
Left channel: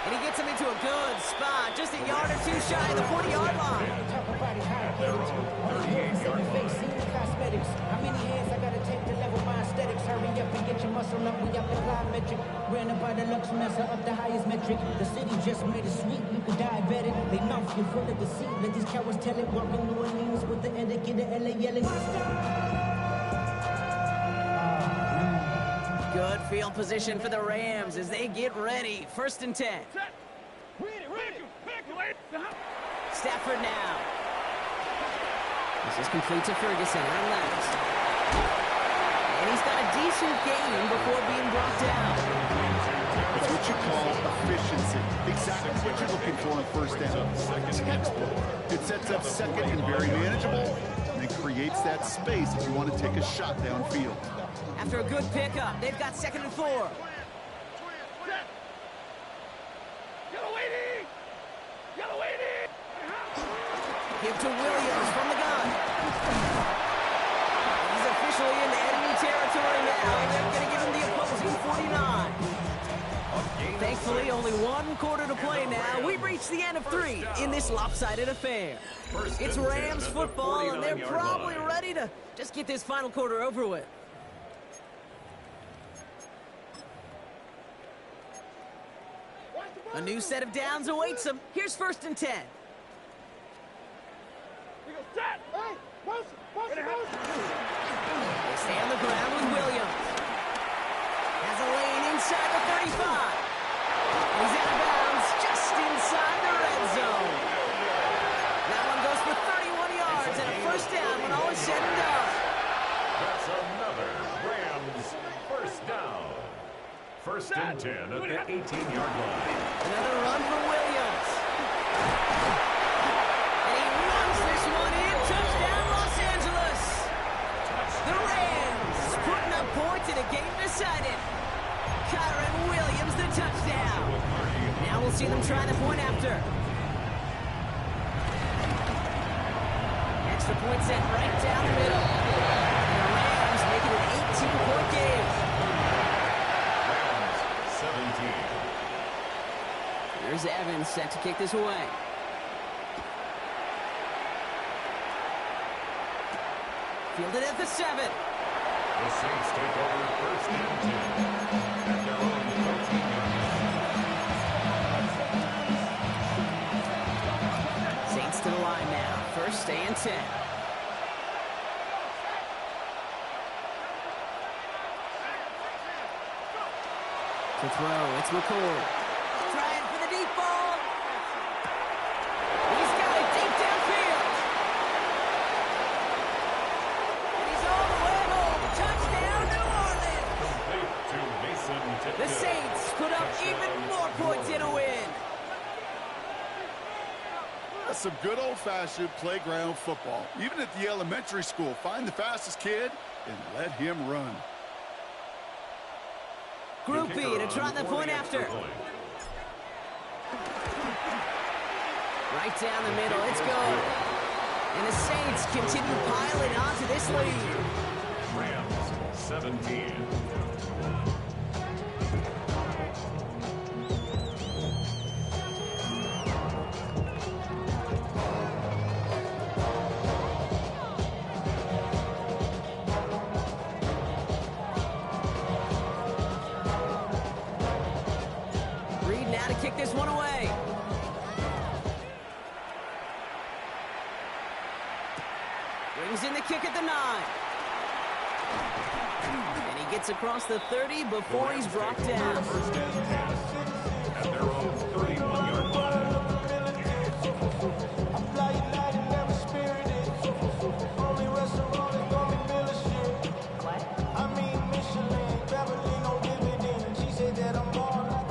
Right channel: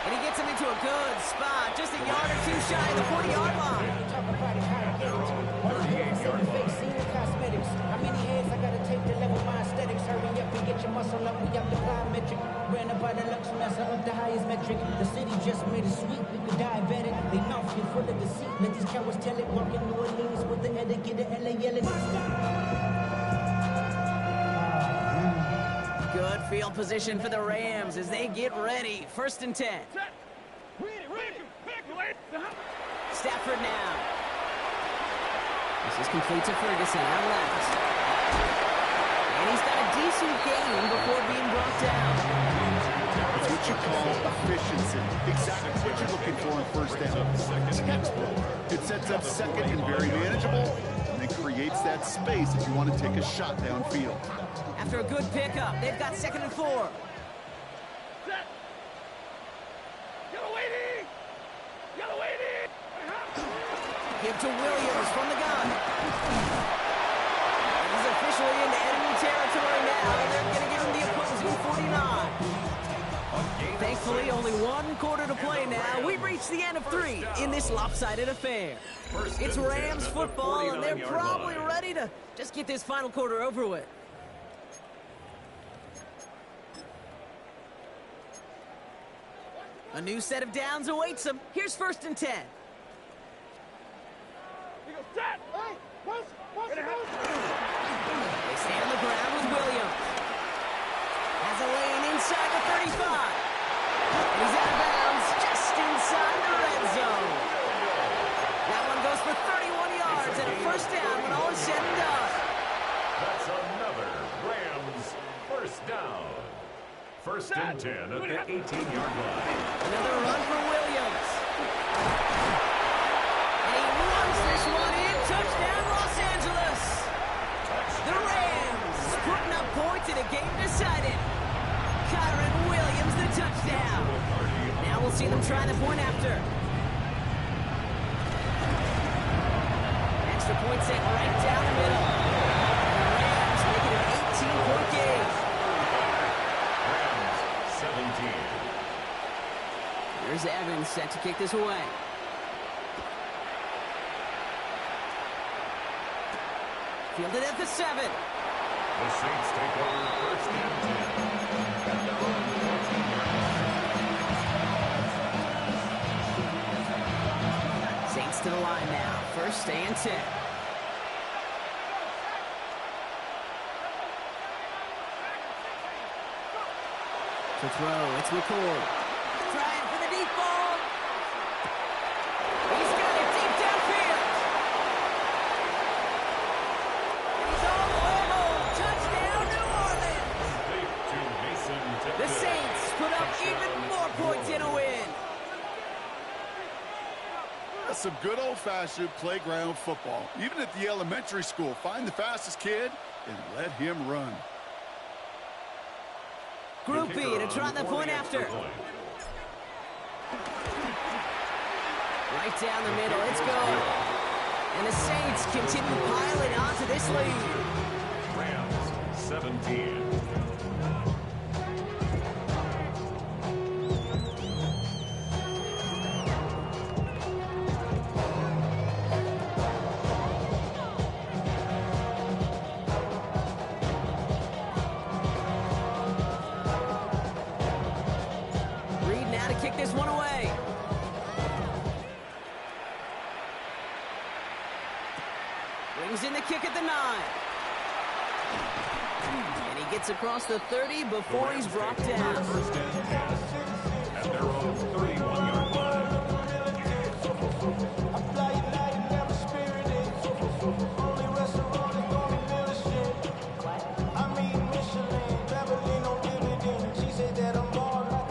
And he gets him into a good spot. Just a yard or two shy of the 40-yard line. Talk about it, how I get it. Only here for 7 face, seen the cosmetics. How many hands I gotta take to level my aesthetics? Hurry up and get your muscle up. We up the plyometric. Ran up by the Lux Mesa up the highest metric. The city just made it sweet. You could diabetic. They mouth you full of deceit. Let these cowards tell it. Walk in New Orleans with the etiquette of LA yelling. Good field position for the Rams as they get ready. 1st and 10. Stafford now. This is complete to Ferguson out left. And he's got a decent gain before being brought down. It's what you call efficiency. Exactly what you're looking for on 1st down. Textbook. It sets up 2nd and very manageable, and then creates that space if you want to take a shot downfield. After a good pickup, they've got 2nd and 4. Give to Williams from the gun. And he's officially into enemy territory now. They're going to give him the opposing 49. Thankfully, only 1 quarter to play now. We've reached the end of 3 in this lopsided affair. It's Rams football, and they're probably ready to just get this final quarter over with. A new set of downs awaits them. Here's 1st and 10. They stay on the ground with Williams. Has a lane inside the 35. And he's out of bounds just inside the red zone. That one goes for 31 yards and a 1st down when all is said and done. That's another Rams 1st down. 1st and 10 at the 18-yard line. Another run for Williams. And he runs this one in. Touchdown, Los Angeles. The Rams putting up points in a game decided. Kyren Williams, the touchdown. Now we'll see them try the point after. Extra point set right down the middle. And the Rams make it an 18-point game. 17. Here's Evans set to kick this away. Fielded at the 7. The Saints take over 1st and 10 at their own 14-yard line. Saints to the line now. 1st and 10. To throw, it's McCord. Trying for the deep ball. He's got it deep downfield. And he's all the way home. Touchdown, New Orleans. Complete to Mason Tipton. The Saints put up even more points in a win. That's some good old-fashioned playground football. Even at the elementary school, find the fastest kid and let him run. Group B to try the point after. Right down the middle, it's good. And the Saints continue piling onto this lead. Rams 17. Reed now to kick this one away. Brings in the kick at the 9. And he gets across the 30 before he's brought down. First and 10 at their own 31-yard line.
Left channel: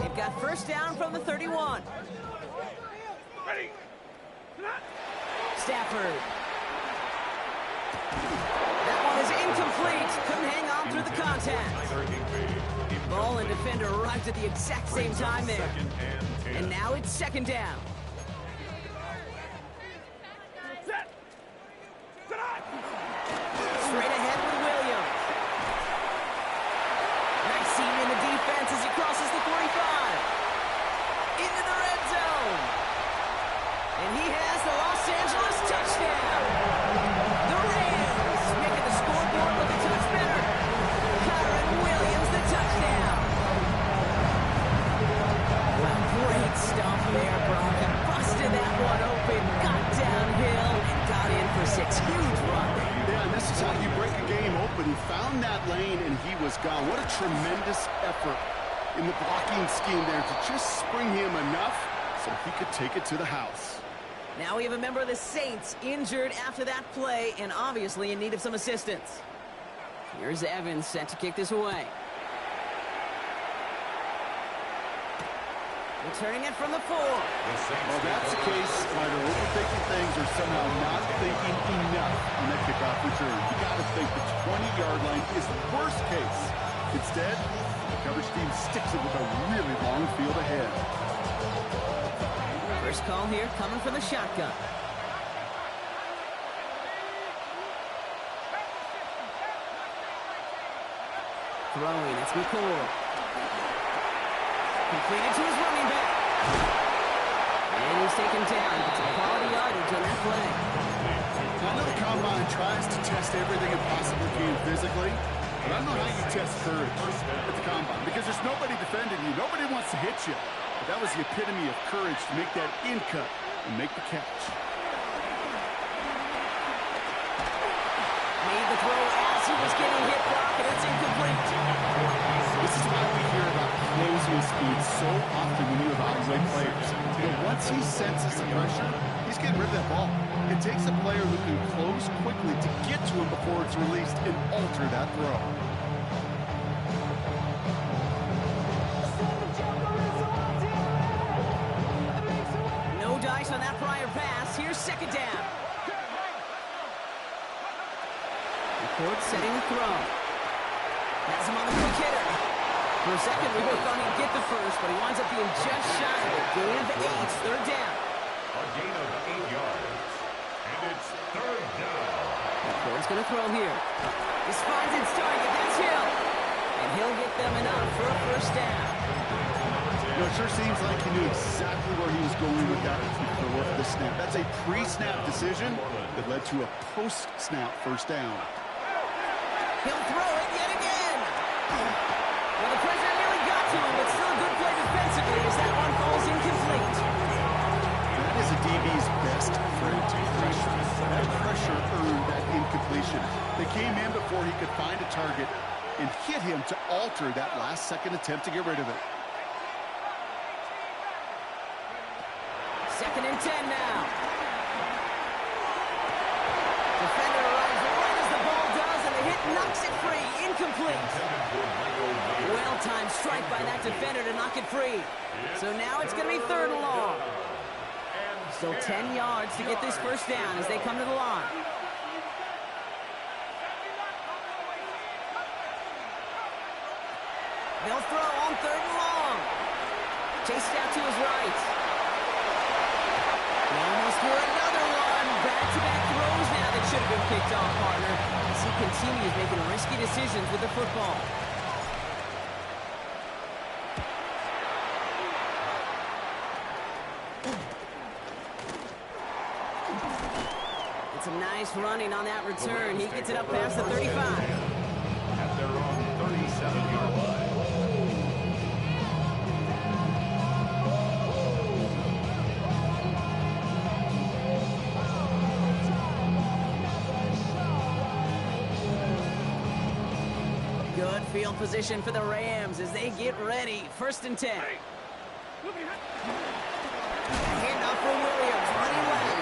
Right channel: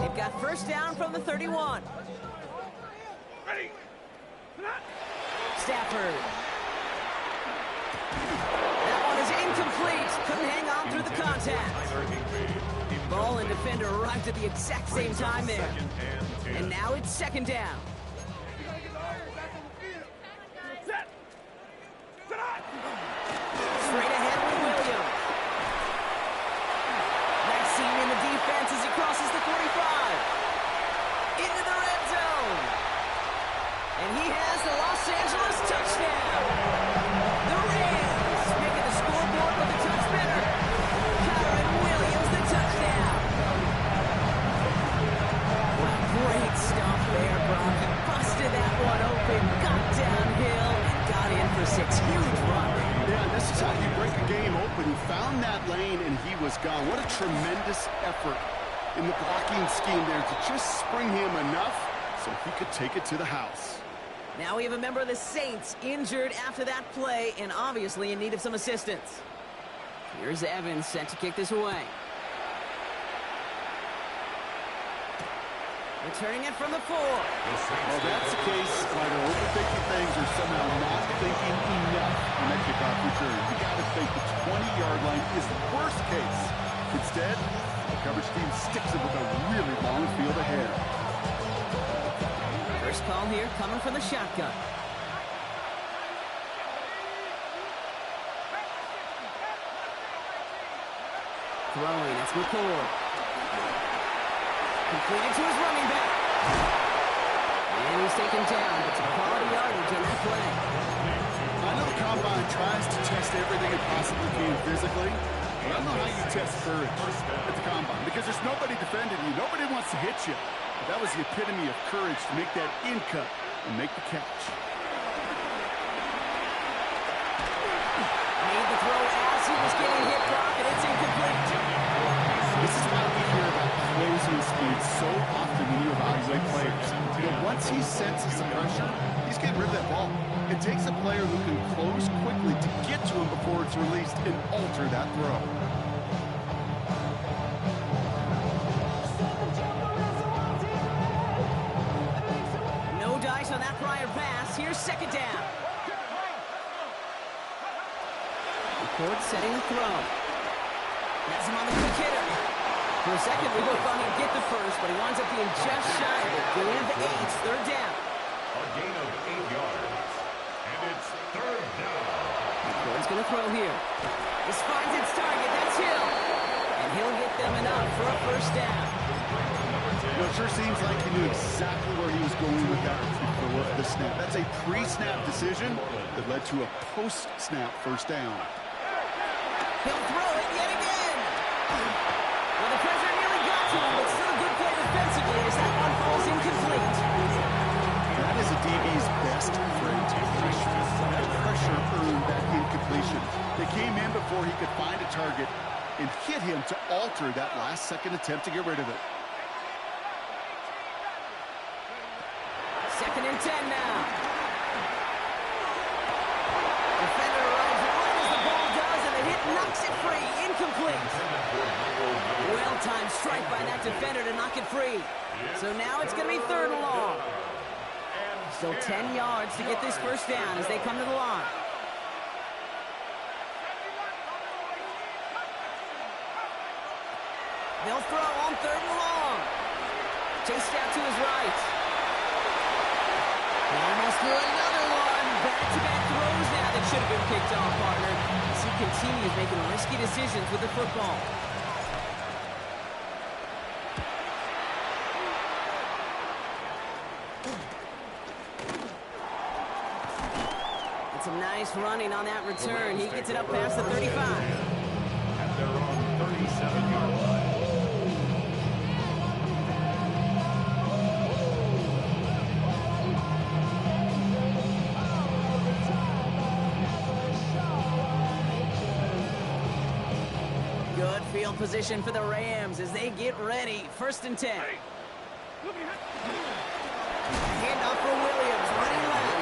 They've got first down from the 31. Stafford. That one is incomplete. Couldn't hang on through the contact. Ball and defender arrived at the exact same time there. And now it's second down. Straight ahead with Williams. Nice seam in the defense as he crosses the 45. Into the red zone. And he has the Los Angeles touchdown. The Rams making the scoreboard look a touch better. Kyren Williams, the touchdown. Well, great stuff there, Brock. He busted that one open, got downhill, and got in for 6. Huge run. Yeah, and this is how you break a game open. He found that lane, and he was gone. What a tremendous effort in the blocking scheme there to just spring him enough so he could take it to the house. Now we have a member of the Saints injured after that play and obviously in need of some assistance. Here's Evans set to kick this away. Returning it from the 4. Well, that's the case. Either overthinking things or somehow not thinking enough on that kickoff return. You got to think the 20-yard line is the worst case. Instead, the coverage team sticks it with a really long field ahead. First call here coming from the shotgun. Throwing, it's McCord. Completed to his running back. And he's taken down, but some quality yardage on that play. I know the Combine tries to test everything it possibly can physically, but I don't know how you test courage at the Combine because there's nobody defending you. Nobody wants to hit you. But that was the epitome of courage to make that in cut and make the catch. Made the throw as he was getting hit, Brock, and it's incomplete. This is why we hear about closing speed so often when you evaluate players. You know, once he senses the pressure, he's getting rid of that ball. It takes a player who can close quickly to get to him before it's released and alter that throw. No dice on that prior pass. Here's second down. McCord setting the throw. Has him on the quick hitter. For a second, we both thought he'd get the first, but he winds up being just shy of a gain of 8. Third down. A gain of 8 yards. And it's third down. McCord's going to throw here. This finds its target. That's Hill. And he'll get them enough for a first down. You know, it sure seems like he knew exactly where he was going with that before the snap. That's a pre-snap decision that led to a post-snap first down. He'll throw it yet again. Well, the pressure nearly got to him, but still a good play defensively as that one falls incomplete. That is a DB's best friend, pressure. That pressure earned that incompletion. They came in before he could find a target and hit him to alter that last-second attempt to get rid of it. Second and 10 now. Defender arrives right as the ball does, and the hit knocks it free. Incomplete. Well-timed strike by that defender to knock it free. So now it's going to be third and long. Still 10 yards to get this first down as they come to the line. They'll throw on third and long. Chased out to his right. He almost threw another one. Back-to-back throws that should have been picked off, partner, as he continues making risky decisions with the football. It's some nice running on that return. He gets it up past the 35. At their own 37-yard line. Good field position for the Rams as they get ready. 1st and 10. A handoff for Williams, running left.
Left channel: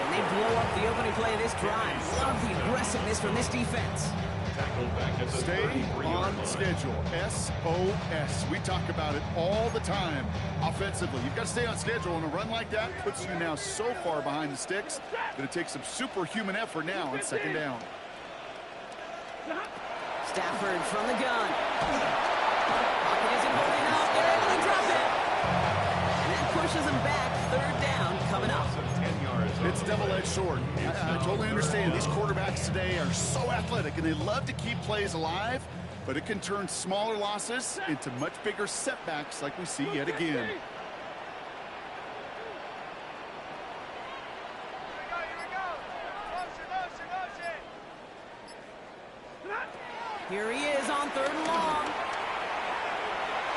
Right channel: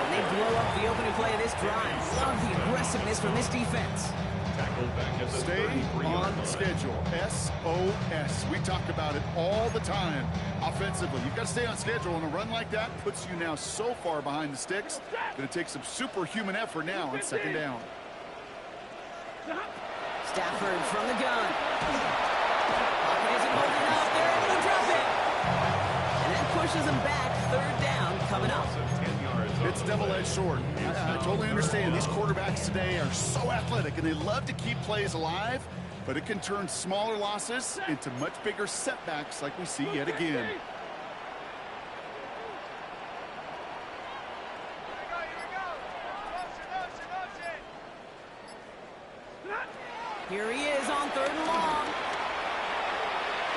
And they blow up the opening play of this drive. Love the aggressiveness from this defense. Tackled back at the Stay 33-yard on line. schedule. SOS. We talk about it all the time offensively. You've got to stay on schedule, and a run like that puts you now so far behind the sticks that it takes some superhuman effort now on 2nd down. Stafford from the gun. Pocket isn't holding up. They're able to drop it. And that pushes them back. 3rd down coming up. Loss of 10 yards on It's the double-edged play. sword. It's I now totally 3rd understand. These down. quarterbacks today are so athletic, and they love to keep plays alive, but it can turn smaller losses into much bigger setbacks like we see yet again. Here he is on 3rd and long.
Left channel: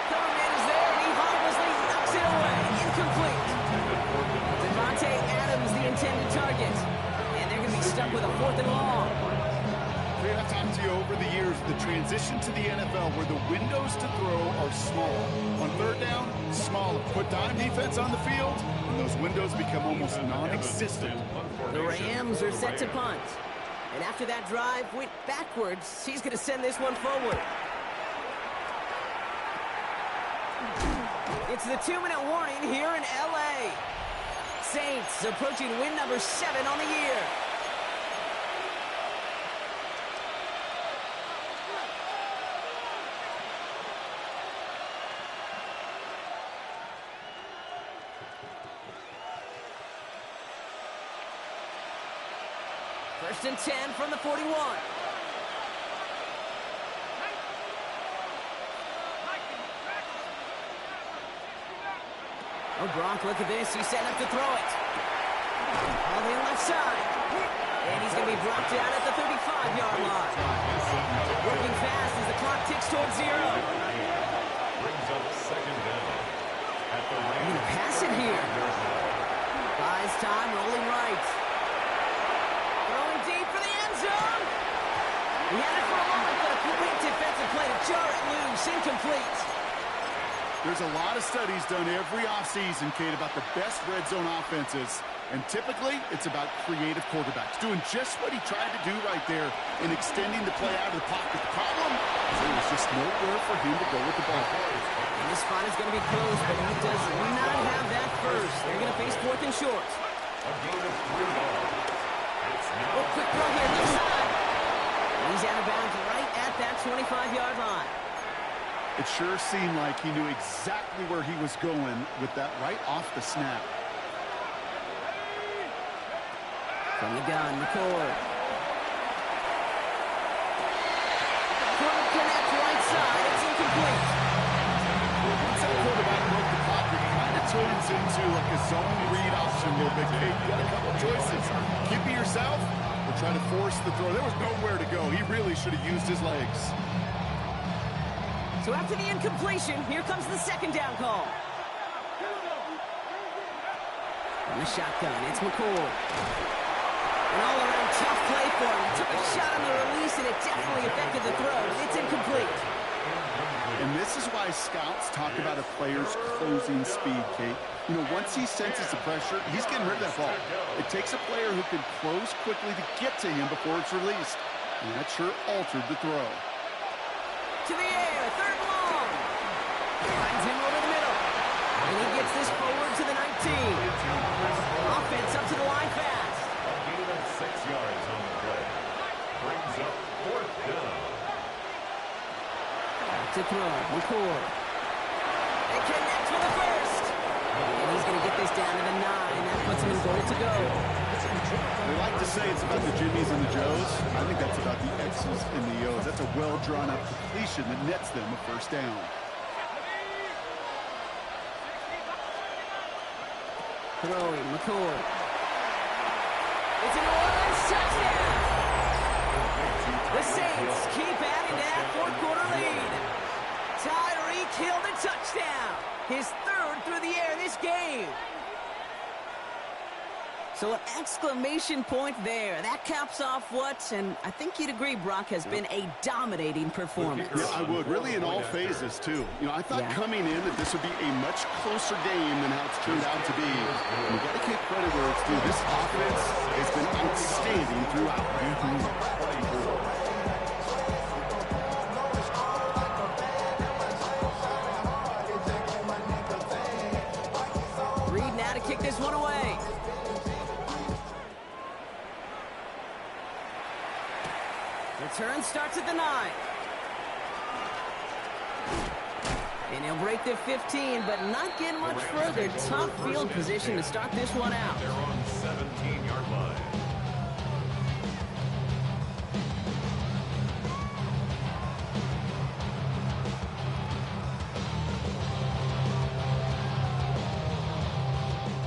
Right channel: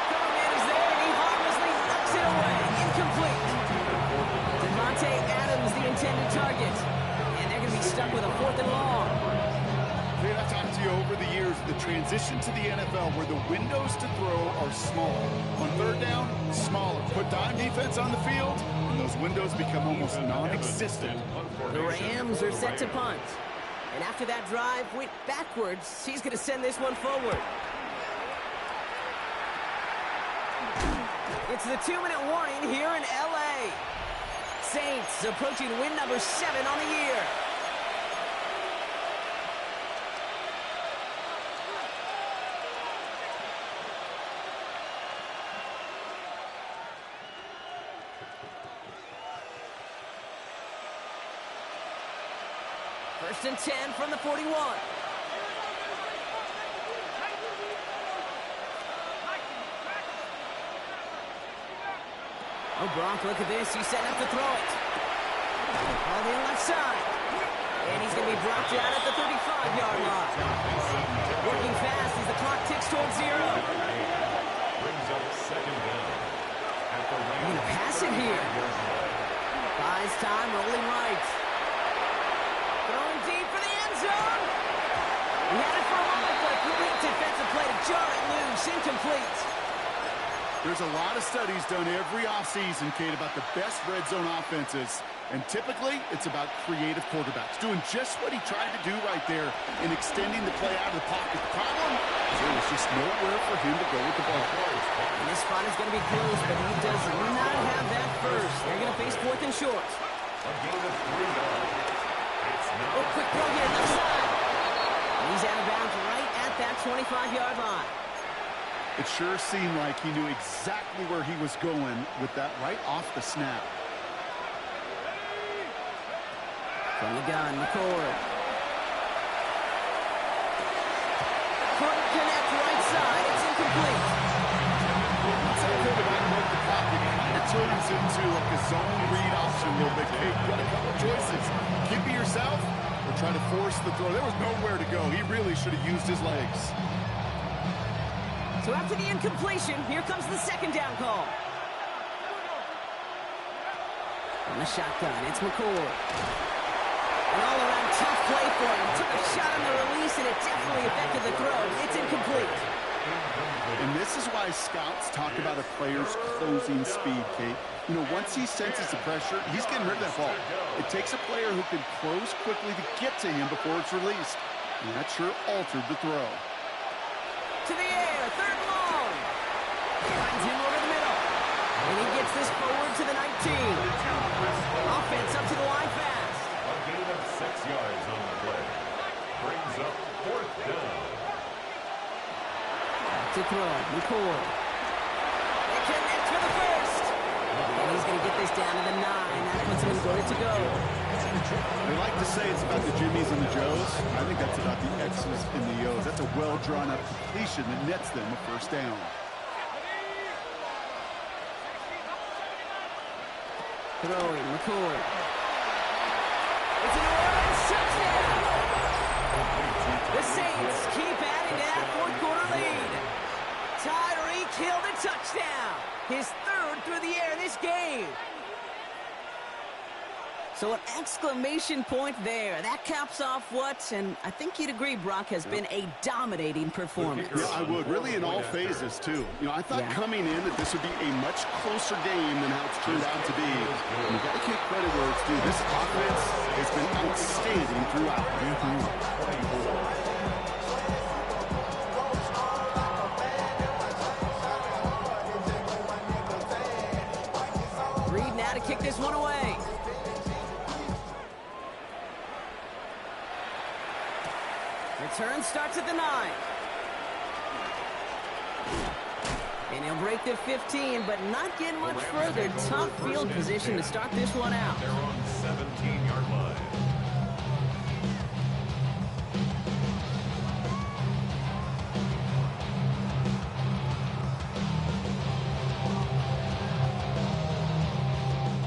Cover man is there, and he harmlessly knocks it away. Incomplete. Devontae Adams, the intended target. And they're going to be stuck with a 4th and long. Dude, I've talked to you over the years, the transition to the NFL where the windows to throw are small. On 3rd down, smaller. Put dime defense on the field, and those windows become almost non-existent. The Rams are set to punt. And after that drive went backwards, he's going to send this one forward. It's the 2-minute warning here in L.A. Saints approaching win number 7 on the year. First and 10 from the 41. Oh, Gronk, look at this. He's setting up to throw it. All the left side. And he's going to be brought down at the 35-yard line. Working fast as the clock ticks towards 0. Brings up 2nd down. At the He's going to pass it here. Buys time, rolling right. Throwing deep for the end zone. He had it for a moment, but a great defensive play to jar it loose. Incomplete. There's a lot of studies done every offseason, Kate, about the best red zone offenses. And typically, it's about creative quarterbacks doing just what he tried to do right there in extending the play out of the pocket. The problem, there was just nowhere for him to go with the ball. And this spot is going to be close, but he does not have that first. They're going to face 4th and short. A gain of 3 yards. It's now Oh, quick throw here, left side. And he's out of bounds right at that 25-yard line. It sure seemed like he knew exactly where he was going with that right off the snap. From the gun, McCord. Couldn't connect right side. It's incomplete. Once that quarterback broke the pocket, it kind of turns into like a zone read option a little bit. Hey, you got a couple choices. Keep it yourself or try to force the throw. There was nowhere to go. He really should have used his legs. So after the incompletion, here comes the 2nd down call. From the shotgun, it's McCord. An all-around tough play for him. Took a shot on the release, and it definitely affected the throw. It's incomplete. And this is why scouts talk about a player's closing speed, Kate. You know, once he senses the pressure, he's getting rid of that ball. It takes a player who can close quickly to get to him before it's released. And that sure altered the throw. To the air, 3rd and long. Finds him over the middle. And he gets this forward to the 19. Offense up to the line fast. a gain of 6 yards on the play. Brings up 4th down. Back to throw, McCord. It connects for the first. And he's going to get this down to the 9. That puts him in goal to go. They like to say it's about the Jimmies and the Joes. I think that's about the X's and the O's. That's a well-drawn-up completion that nets them a first down. Throwing, McCoy. It's a New Orleans touchdown. The Saints keep adding to that fourth-quarter lead. Tyreek Hill the touchdown. His third through the air this game. So an exclamation point there. That caps off what, and I think you'd agree, Brock, has been a dominating performance. Yeah, I would. Really in all phases, too. You know, I thought coming in that this would be a much closer game than how it's turned out to be. And you got to give credit where it's due. This offense has been outstanding throughout. Reed now to kick this one away. Return starts at the 9. And he'll break the 15, but not get much further. Tough field position to start this one out. They're on 17-yard line.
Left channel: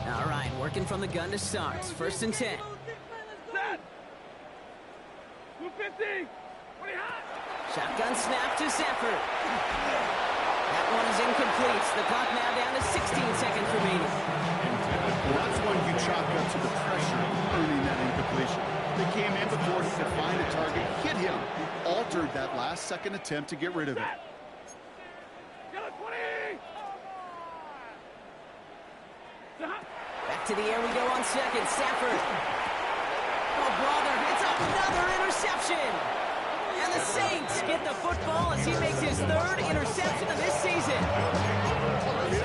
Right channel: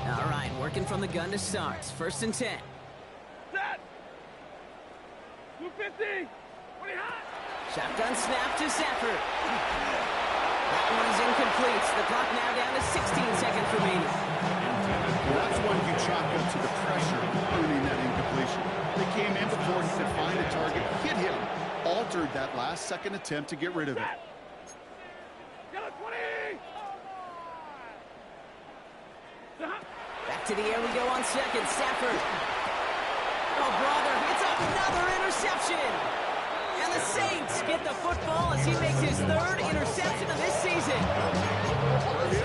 All right, working from the gun to start. 1st and 10. Shotgun snap to Safford. That one is incomplete. The clock now down to 16 seconds remaining. Well, that's one you chalk up to the pressure earning that incompletion. They came in before he could find a target, hit him, altered that last-second attempt to get rid of it. Back to the air we go on 2nd. Safford. Oh, brother, it's another interception. And the Saints get the football as he makes his 3rd interception of this season.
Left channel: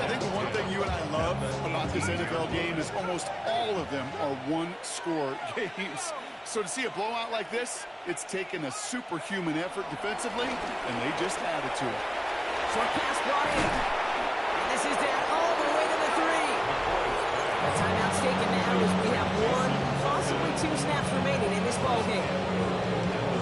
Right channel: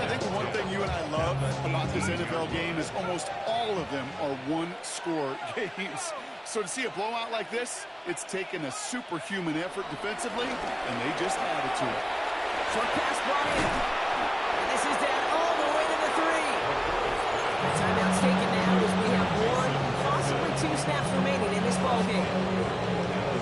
I think the one thing you and I love about this NFL game is almost all of them are one-score games. So to see a blowout like this, it's taken a superhuman effort defensively, and they just added to it. Short pass brought in. And this is down all the way to the 3. The timeout's taken now as we have 1, possibly 2 snaps remaining in this ballgame.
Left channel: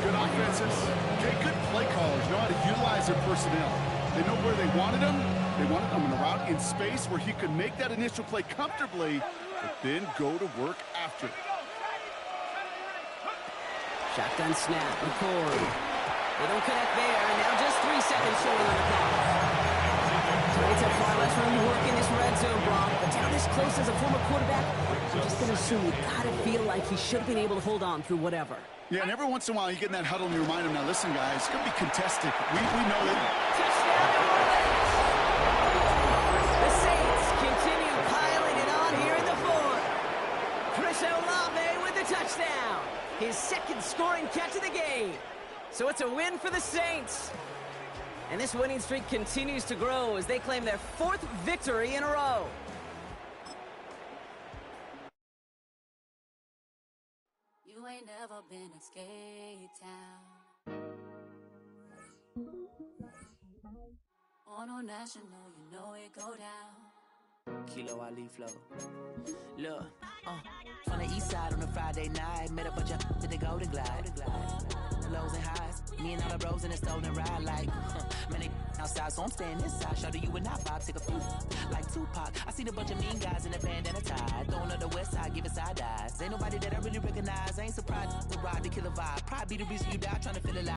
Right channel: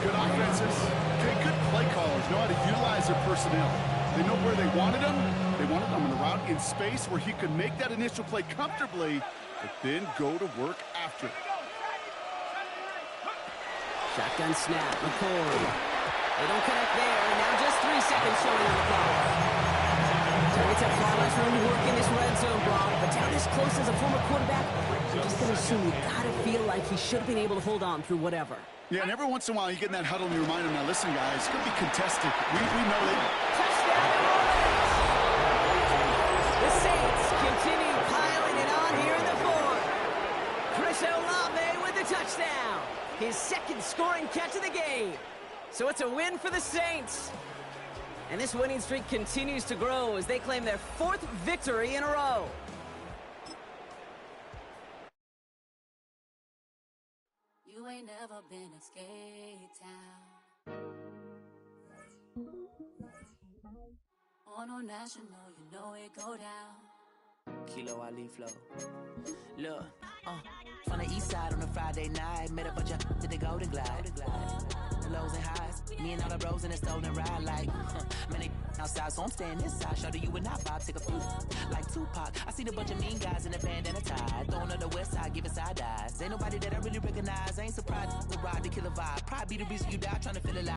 Good offenses, okay, good play callers know how to utilize their personnel. They know where they wanted them. They wanted them in a route in space where he could make that initial play comfortably, but then go to work after. Shotgun snap, McCoy. They don't connect there, and now just 3 seconds showing on the clock. Targets have far less room to work in this red zone, Brock, but down this close as a former quarterback, I'm just going to assume you got to feel like he should have been able to hold on through whatever. Yeah, and every once in a while you get in that huddle and you remind him, now listen, guys, it's going to be contested. We know that. Touchdown, New Orleans! The Saints continue piling it on here in the 4th. Chris Olave with the touchdown. His 2nd scoring catch of the game. So it's a win for the Saints. And this winning streak continues to grow as they claim their 4th victory in a row. You ain't never been a skate town. On no national, you know it go down. Kilo Ali flow. Look, from the east side on a Friday night, met a bunch of to the Golden Glide. The lows and highs, me and all the bros in the stolen ride like, man, they outside, so I'm staying inside. Show you and I vibe, take a few like Tupac. I seen a bunch of mean guys in a bandana tie, throwing up the west side, giving side eyes. Ain't nobody that I really recognize. I ain't surprised to ride the killer vibe. Probably be the reason you die trying to feel alive.